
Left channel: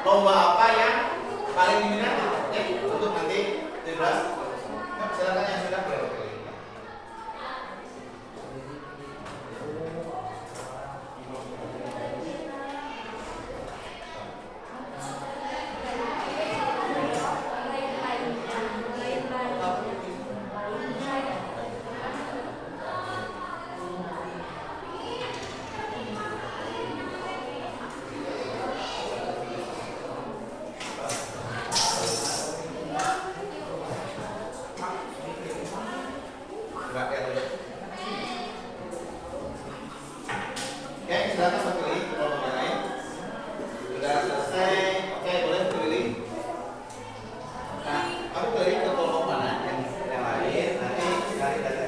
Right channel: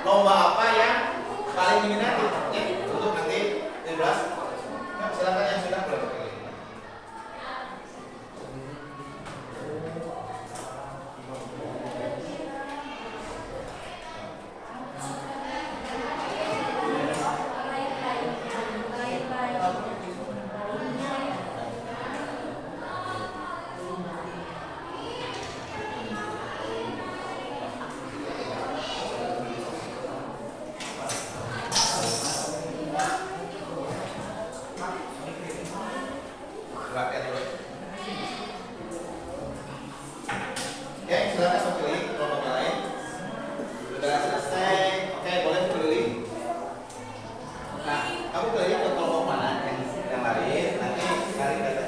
lomba apa yang paling diminati ya, untuk nanti 13. Silakan yang sudah berarti. Oke, silakan memilih lomba yang lain. Sudah selesai. Oke, boleh memilih. Nah, aku pilih ke kelompok mana yang lain. Nanti cari dari.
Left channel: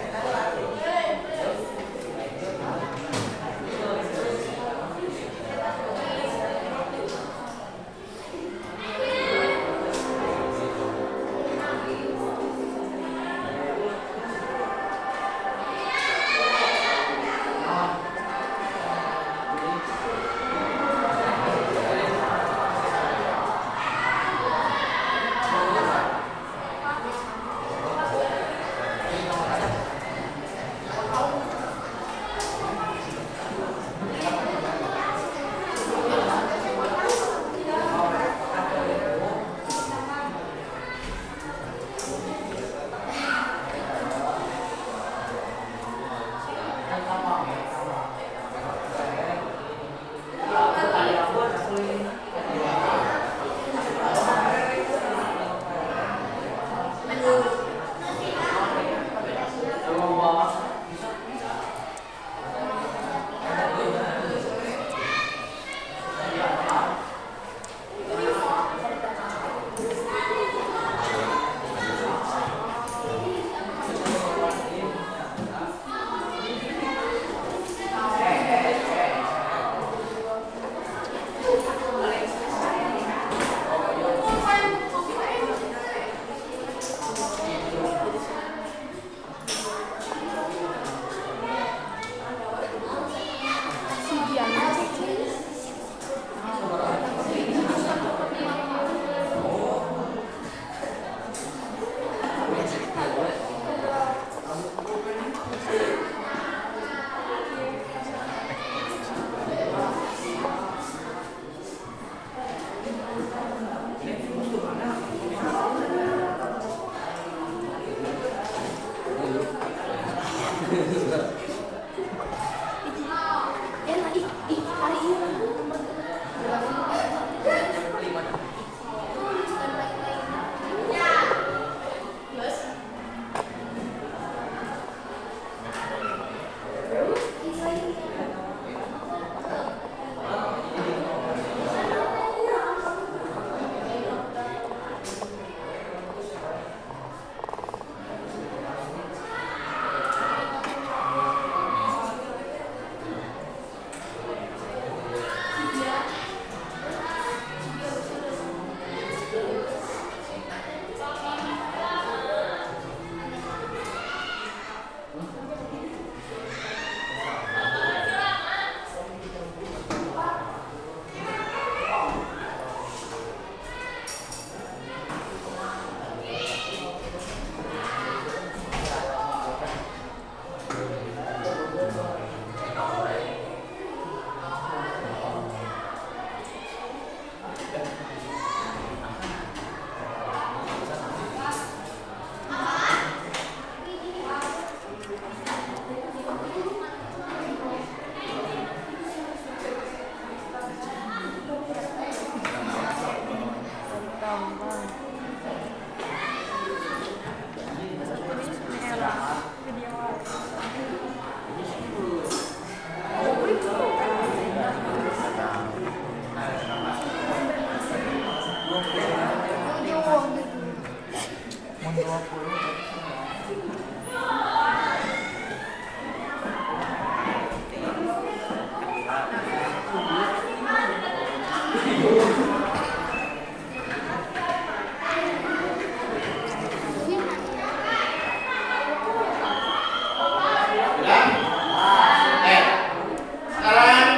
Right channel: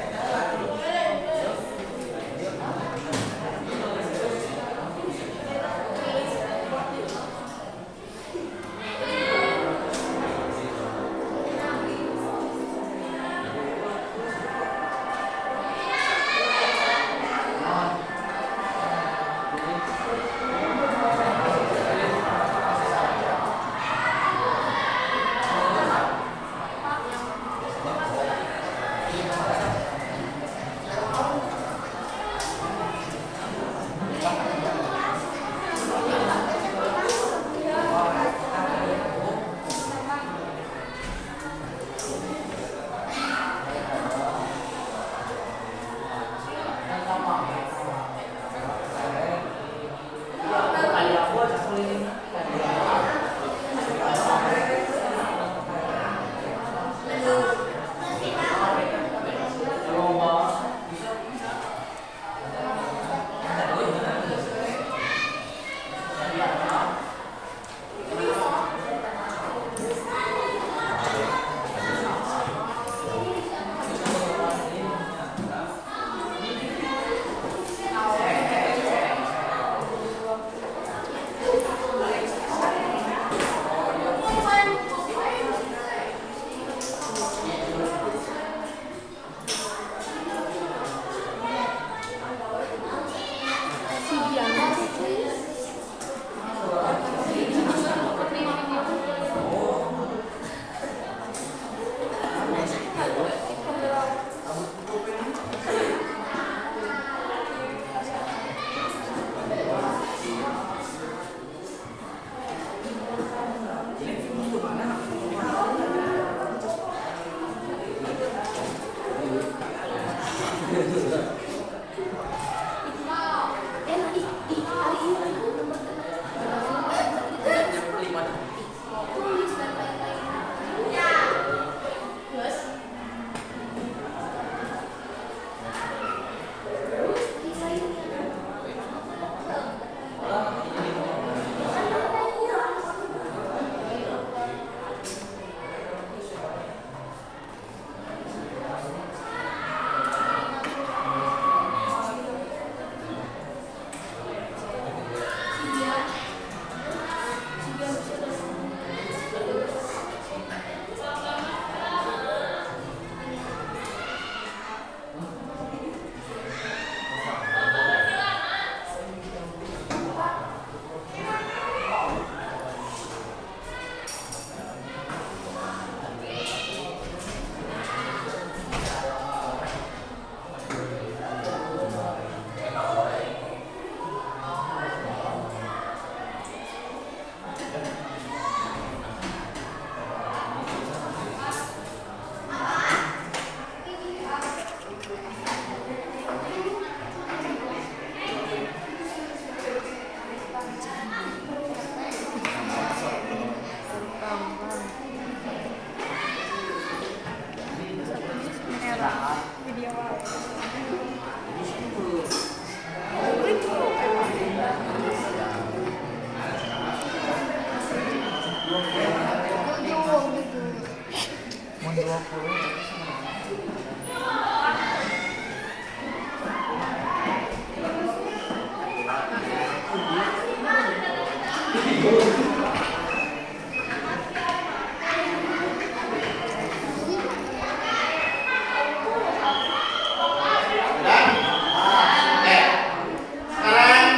Sekarang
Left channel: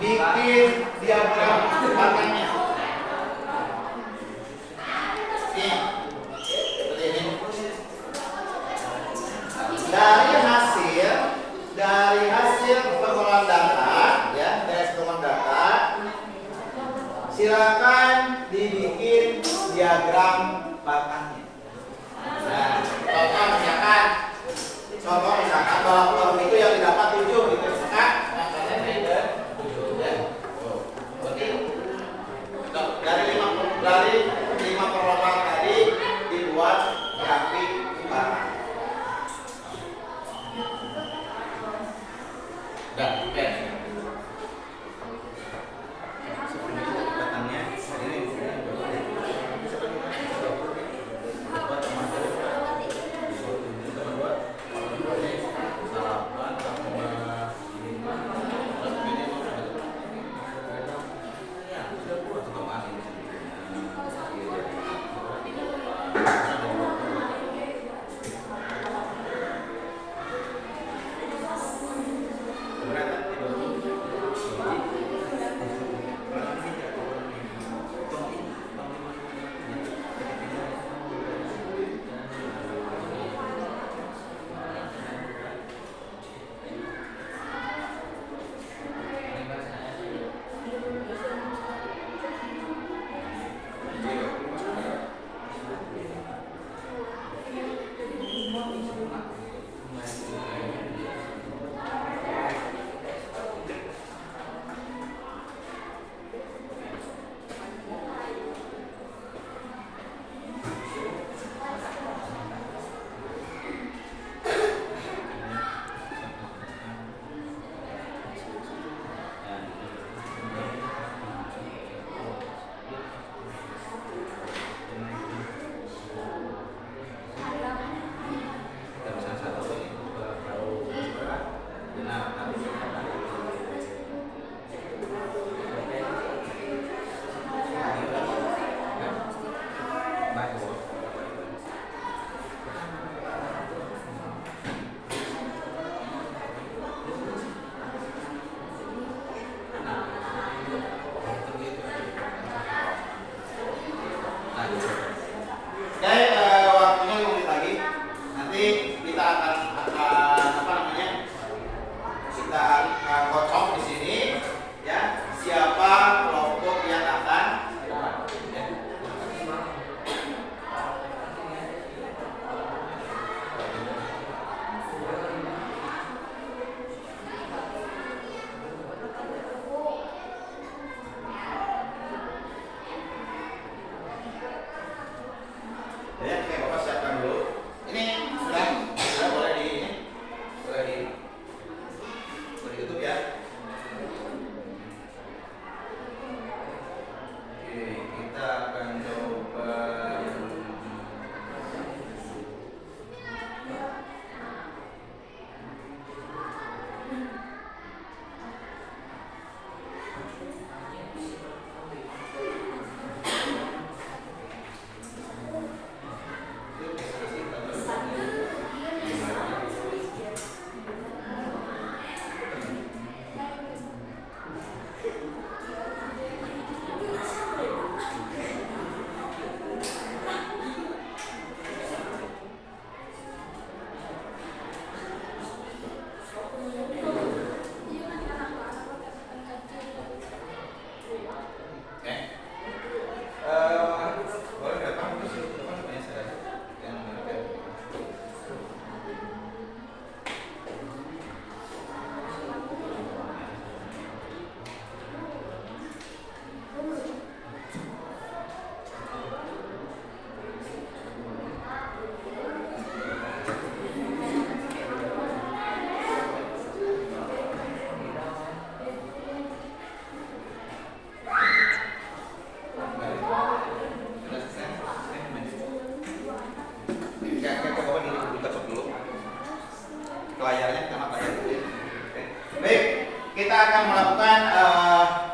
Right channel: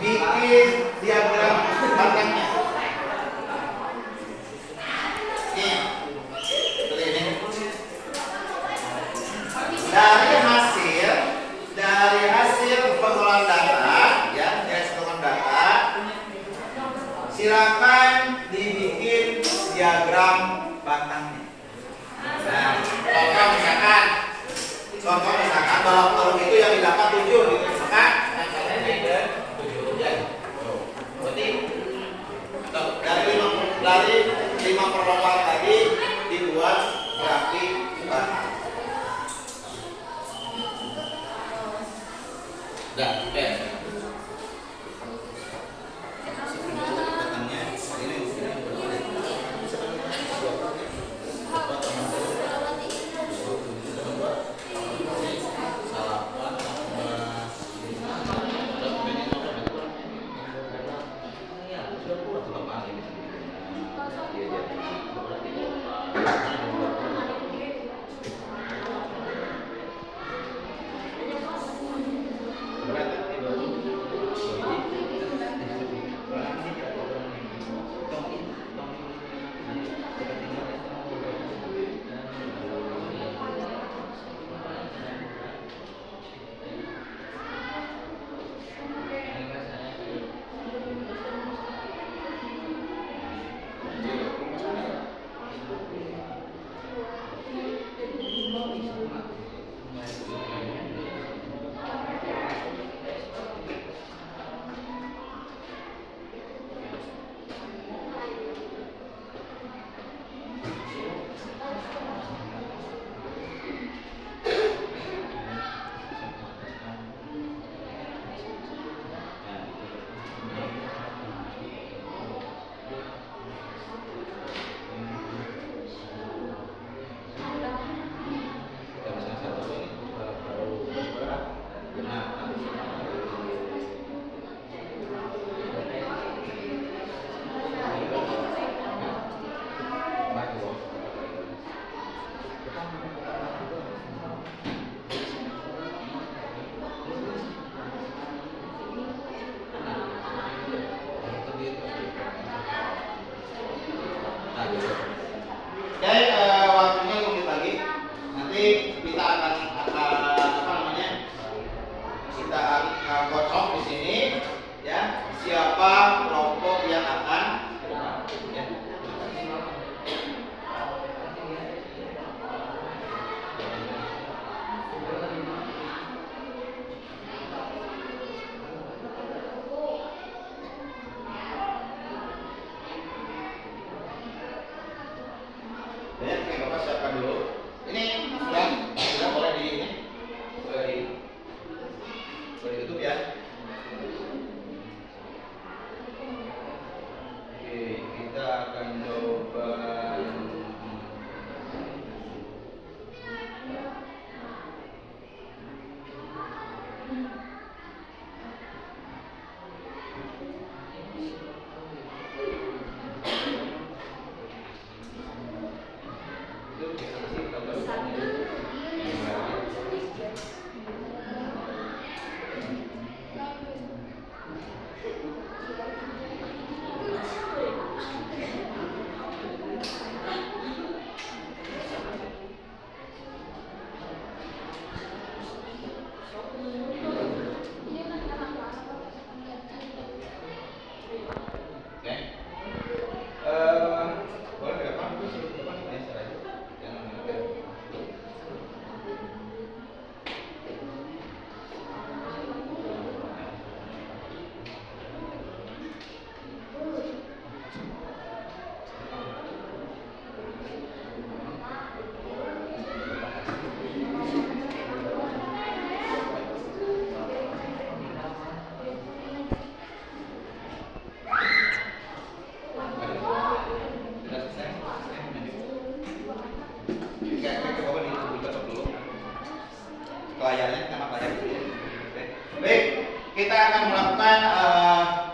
bikin diagram batangnya. Ini, seperti ini. Dari hasil pengolahan data, ya, dari hasil pengolahan data, silakan dibikin diagram batangnya. Nah, contoh misalkan kalau itu yang didapat 7 gitu, misalkan yang saya ke 7 ya. Berarti dari 5 perlombaan tadi dibuat grafik batang. Ya, oke. Batangnya ini waktunya 5 menit lagi. Nanti kita akan kita akan kocok di sini, ya. Siapa kelompok yang akan ke depan, ya. Ya, oke, Bapak siapkan dulu. Ini sudah boleh di ini, boleh ditutup ya. Oke, kita akan coba. Layarnya sama layar. Baik, kita akan melakukan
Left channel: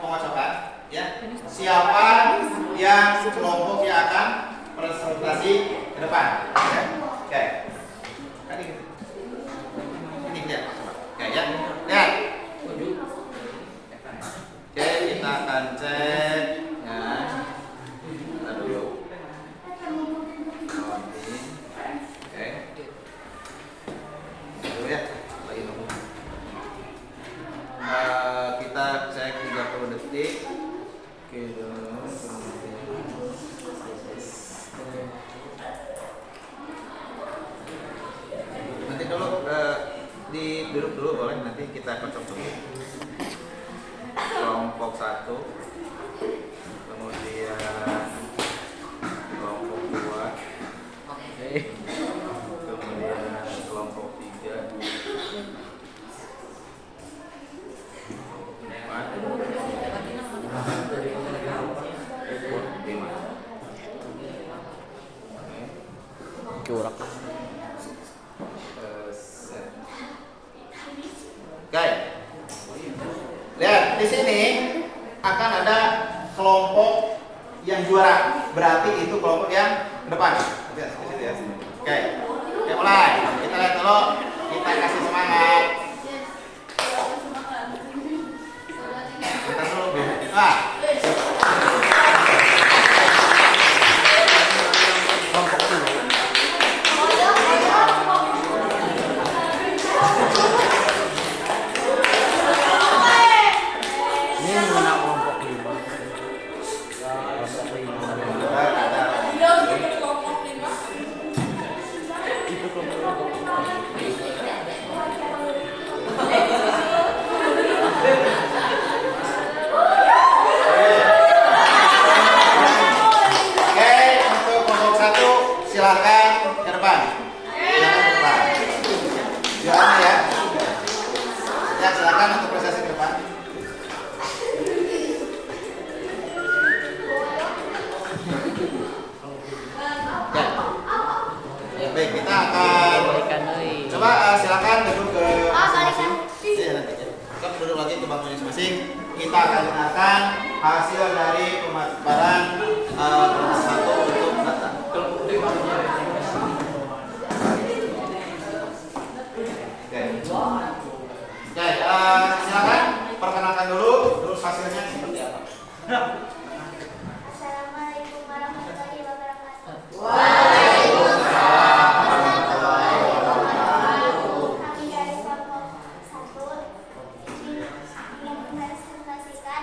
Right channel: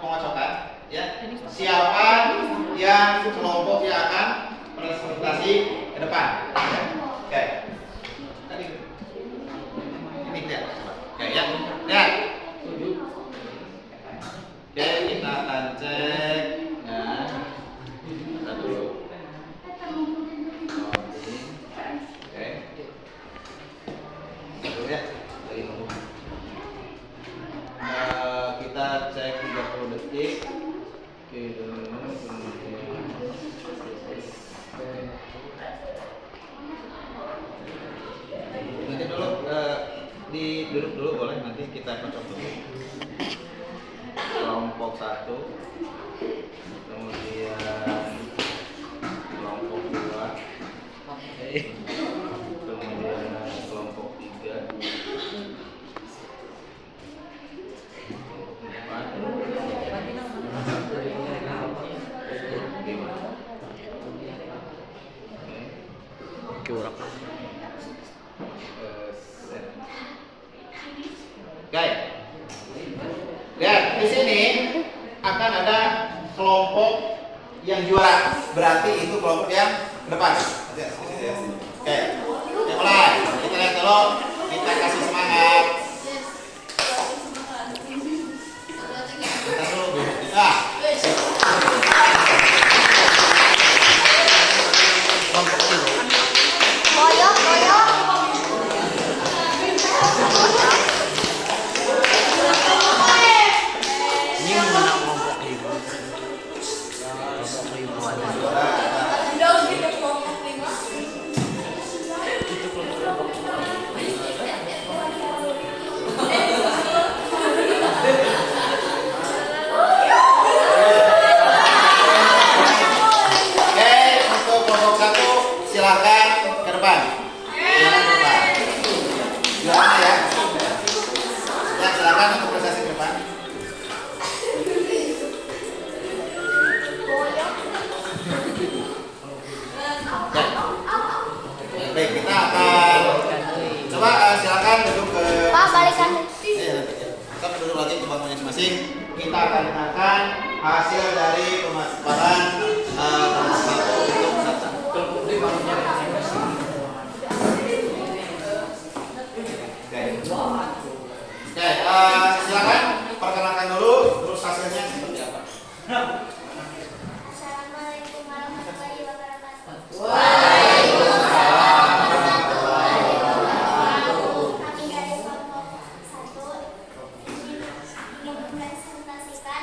pengocokan, ya. Siapa yang kelompok yang akan presentasi ke depan, ya. Oke. Tadi ini lihat. Oke, ya. Lihat. Oke, kita akan cek Oke, nanti dulu duduk dulu boleh, nanti kita kocok dulu. Kelompok 1, kemudian kelompok 2, kemudian kelompok 3, kelompok 4, 5. Curak. Oke. Dan di sini akan ada kelompok yang juara. Berarti itu kelompok yang depan. Oke. Oke, mulai. Kita lihat dulu. Kita kasih semangat. Kita dulu. Kelompok dulu. Ini mana kelompok 5? Kelompok 5. Itu kelompok 5. Untuk kelompok 1 silakan ke depan. Silakan ke depan. Juaranya ya. Ya, silakan untuk prestasi ke depan. Baik, kita akan coba silakan duduk ke masing-masing. Kita duduk lagi ke bangku masing-masing. Kita akan dengarkan hasil dari pemaparan kelompok 1 untuk data. Oke, silakan perkenalkan dulu, terus hasilnya seperti apa? Assalamualaikum warahmatullahi wabarakatuh. Kami dari kelompok 1 ingin mempresentasikan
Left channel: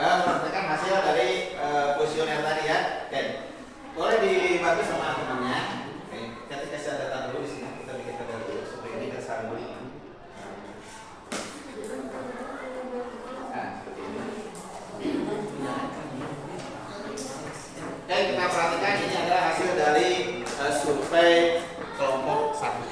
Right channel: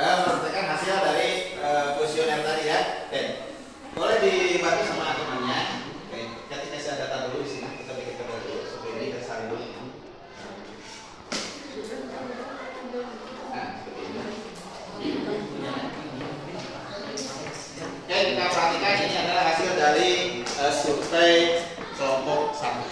Memperhatikan hasil dari kuesioner tadi ya. Oke, boleh dibantu sama temannya. Oke, kita kasih data dulu di sini. Kita bikin data dulu seperti ini, kita salin dulu. Nah, seperti ini. Oke, kita perhatikan ini adalah hasil dari survei kelompok 1.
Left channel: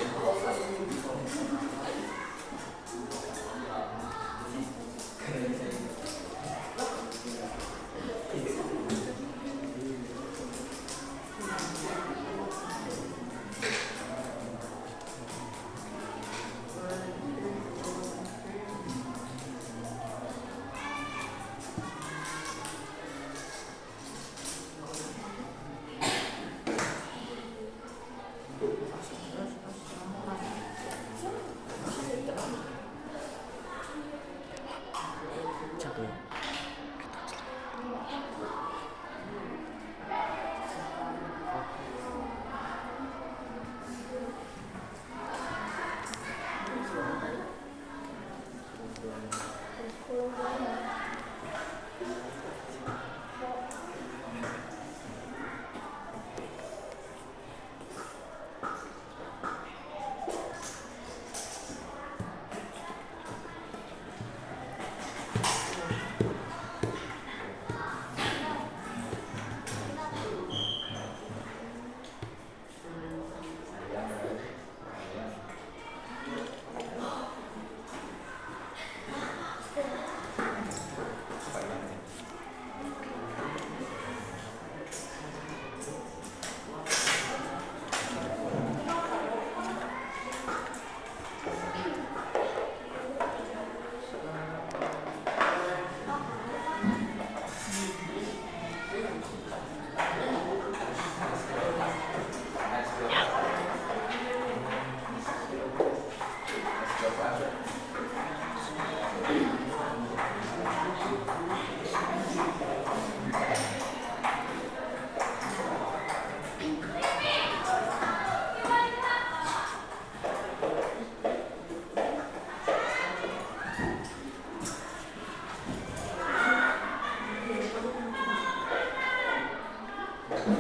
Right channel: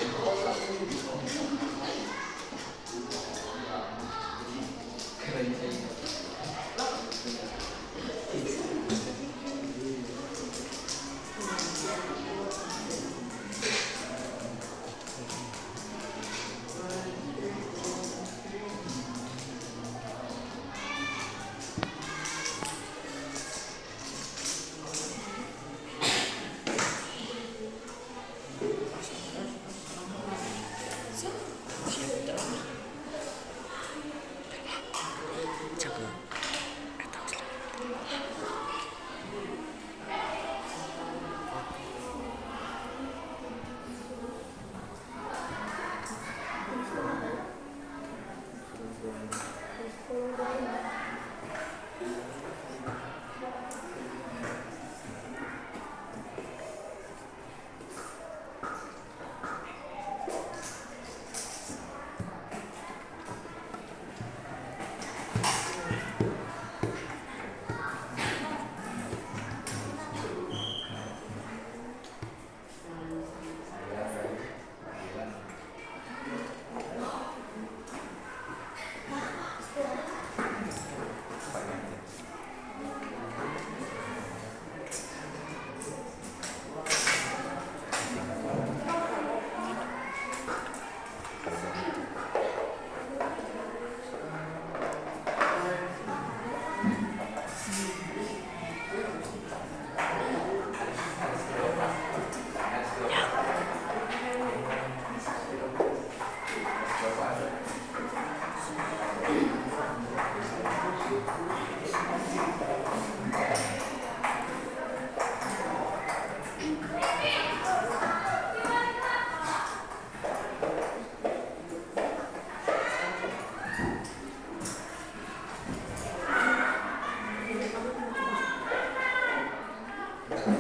Oke.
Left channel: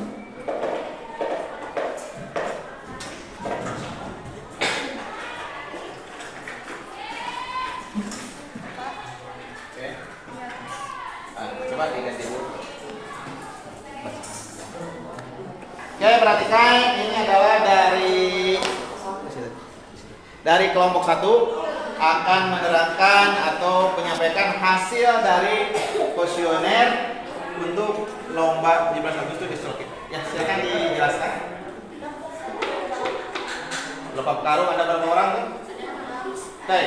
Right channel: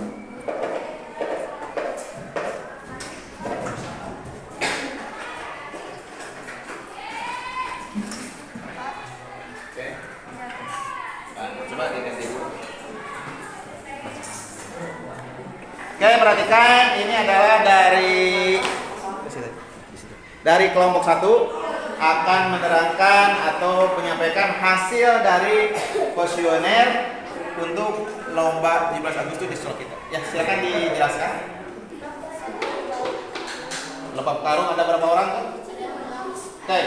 Nah, coba diganti dulu. Oke, perhatikan ini adalah dari kelompok 1 akan menerangkan atau menyampaikan hasil dari kuesioner untuk lomba 17 Agustus di sekolah kita. Ya, silakan dijelaskan. Balap karung ada berapa orang? Oke,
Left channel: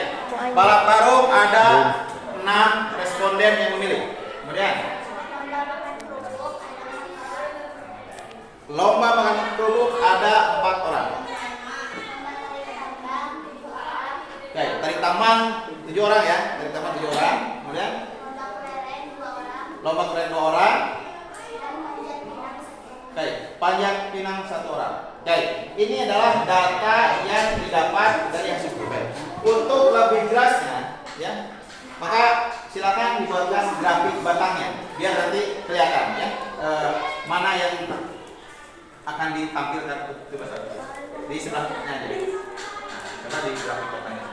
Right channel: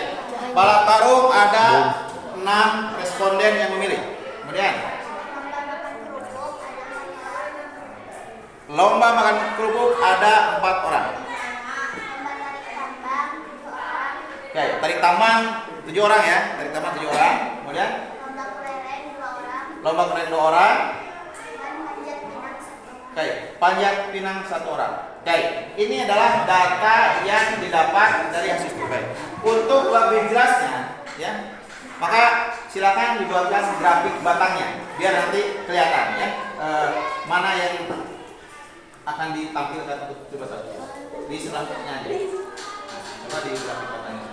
balap karung ada 6 responden yang memilih. Kemudian lomba makan kerupuk ada 4 orang. Oke, tarik tambang 7 orang ya. Tarik tambang 7 orang. Kemudian lomba kelereng 2 orang. Oke, panjat pinang 1 orang. Oke, ini adalah data yang didapat dari hasil survei. Untuk lebih jelasnya, ya, maka silakan dibuatkan grafik batangnya biar nanti kelihatan ya mana yang akan ditampilkan di sebelahnya. Coba di grafik batangnya.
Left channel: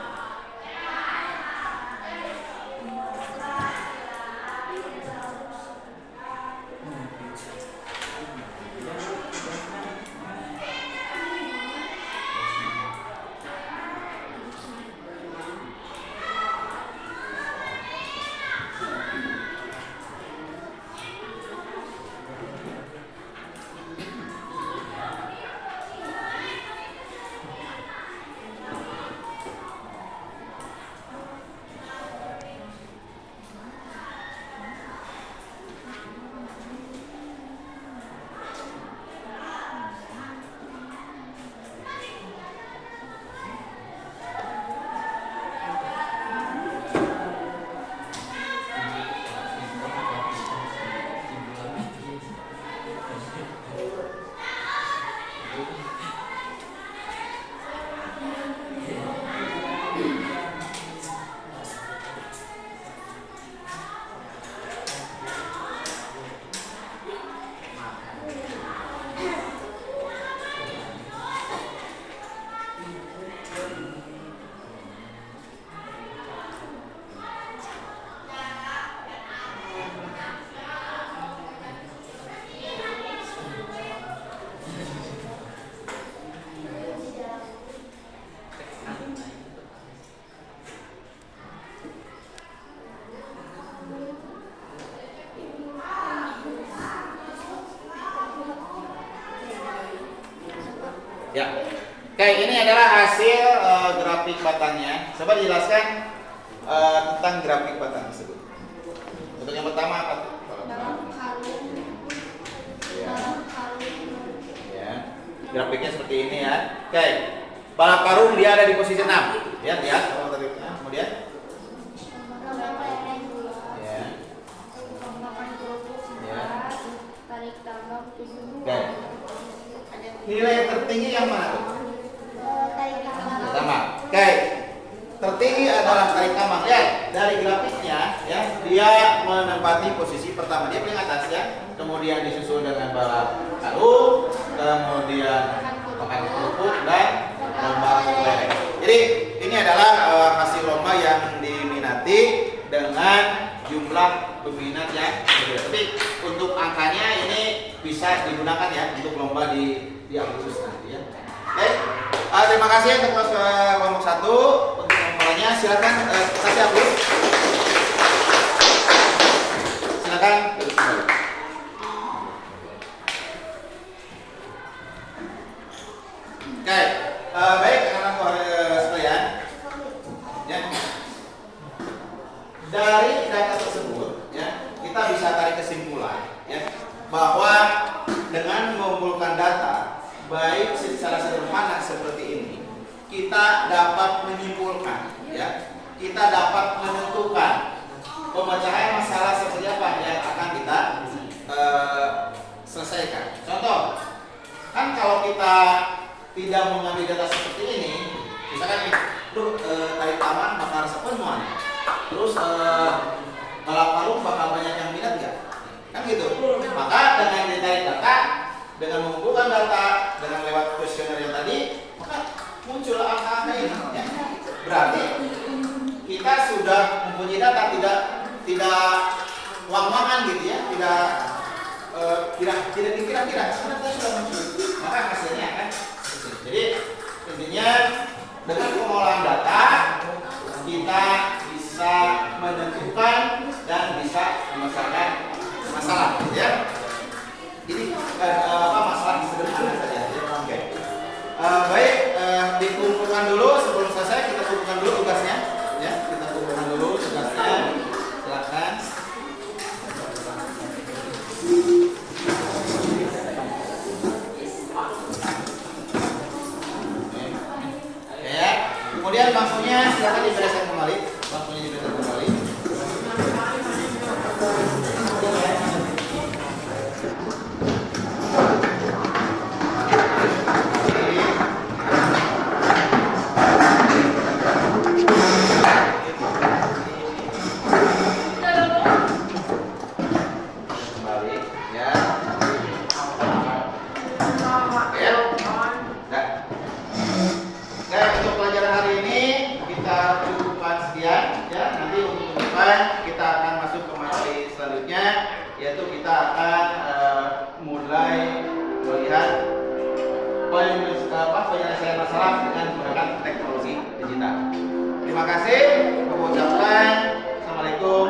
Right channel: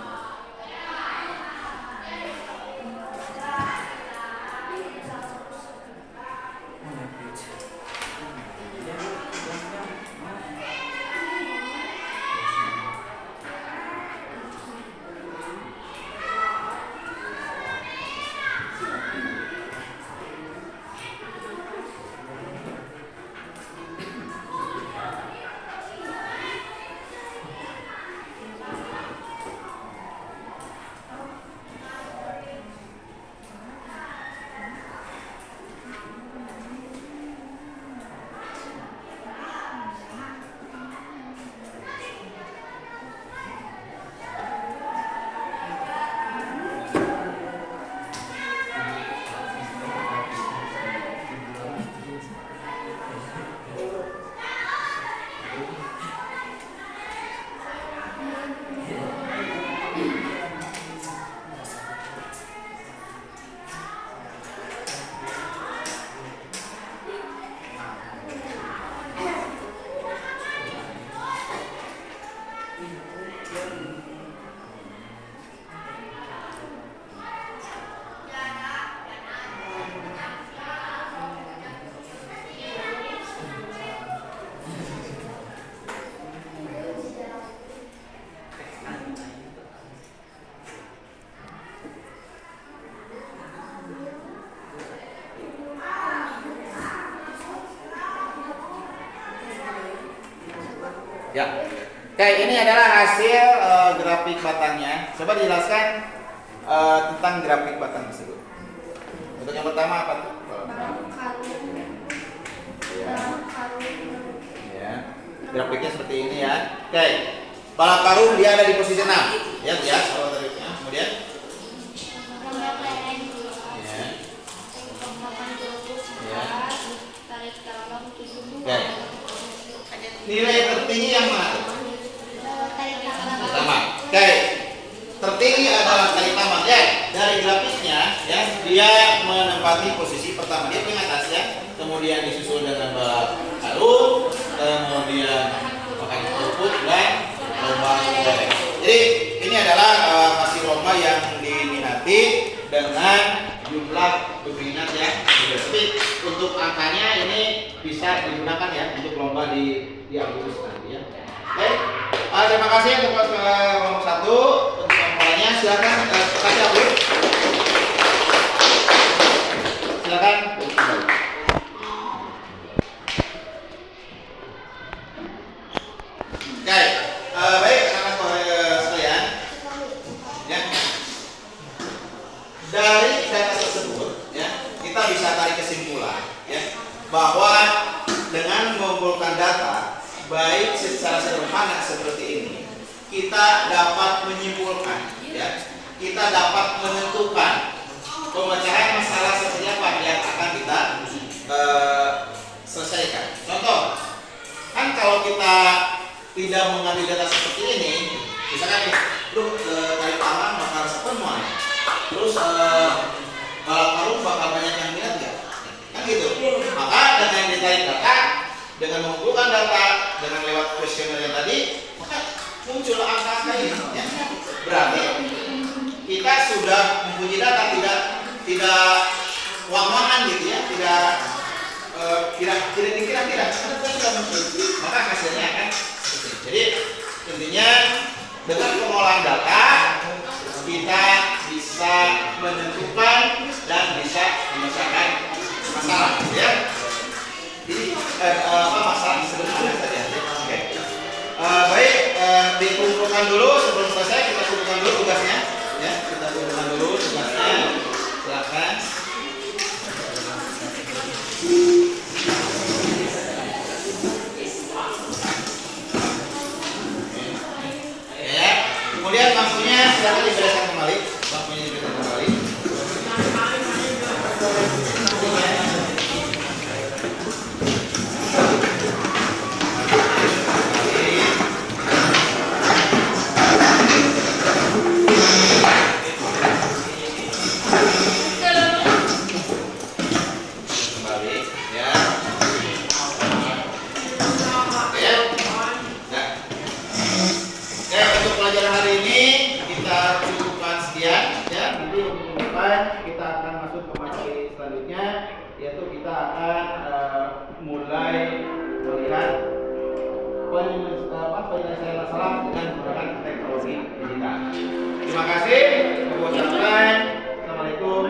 Ya, oke, ini adalah hasil grafik batangnya. Coba dijelaskan tentang grafik batang tersebut. Untuk yang pertama apa? Ya, grafiknya seperti ini ya. Oke, balap karung dia ada di posisi 6. Ya, lihat kalau grafiknya. Kemudian, ya. Oke. Nilai tertinggi yang mana? Pertama. Oke. Tertinggi adalah tarik tambang ya. Dari grafiknya ya, dia menempati posisi pertama dia paling atas ya. Kemudian disusul dengan balap karung, kemudian makan kerupuk dan lomba kelereng. Jadi ini adalah hasil lomba yang diminati dengan jumlah peminat yang berbeda. Tapi untuk angkanya ini bisa digunakan ya untuk lomba di Agustus nanti ya. Oke, terima kasih untuk kelompok 1 untuk laporannya. Silakan kasih Agus. Silakan. Oke, baik anak-anak sekalian. Ya. Dari data tersebut ya, kita bisa tarik kesimpulan ya bahwa dengan mengumpulkan data baik secara sederhana seperti ini, kita dapat menyimpulkan ya, kita dapat menentukan pemecahan masalah seperti apa yang akan kita selesaikan. Contoh, kan kalau kita tidak mengambil data seperti ini, misalkan nih, tarik tangan bakal sepenuhan, terus balap karung bakal banyak yang minat nggak? Kan gitu. Maka dengan ditarik data dengan mengumpulkan data dengan lewat kuesioner yang tadi, maka muncul angka-angka ini. Ya. Berarti kita sudah mempunyai data, tidak wang-wangan gitu ya, tidak kira-kira, karena kita sudah muncul, maka hasilnya akan seperti. Jadi intinya dengan pengolahan data kita bisa menentukan dan bisa memecahkan masalah, ya. Jadi masalah sederhana saja. Ya. Oke. Baik, dikumpulkan dulu sebelum selesai, kita kumpulkan dulu tugasnya, ya. Kita kumpulkan dulu tugasnya. Silakan. Ya. Kemudian bangkunya silakan dibereskan kembali. Bangkunya dibereskan kembali. Kembali, ya. Oke, untuk pelajaran hari ini kita cukupkan sekian, ya. Nanti untuk depan kita akan masuk ke materi selanjutnya, yaitu kita akan mulai melihat penyelesaian masalah dengan menggunakan teknologi digital. Terima kasih. Assalamualaikum.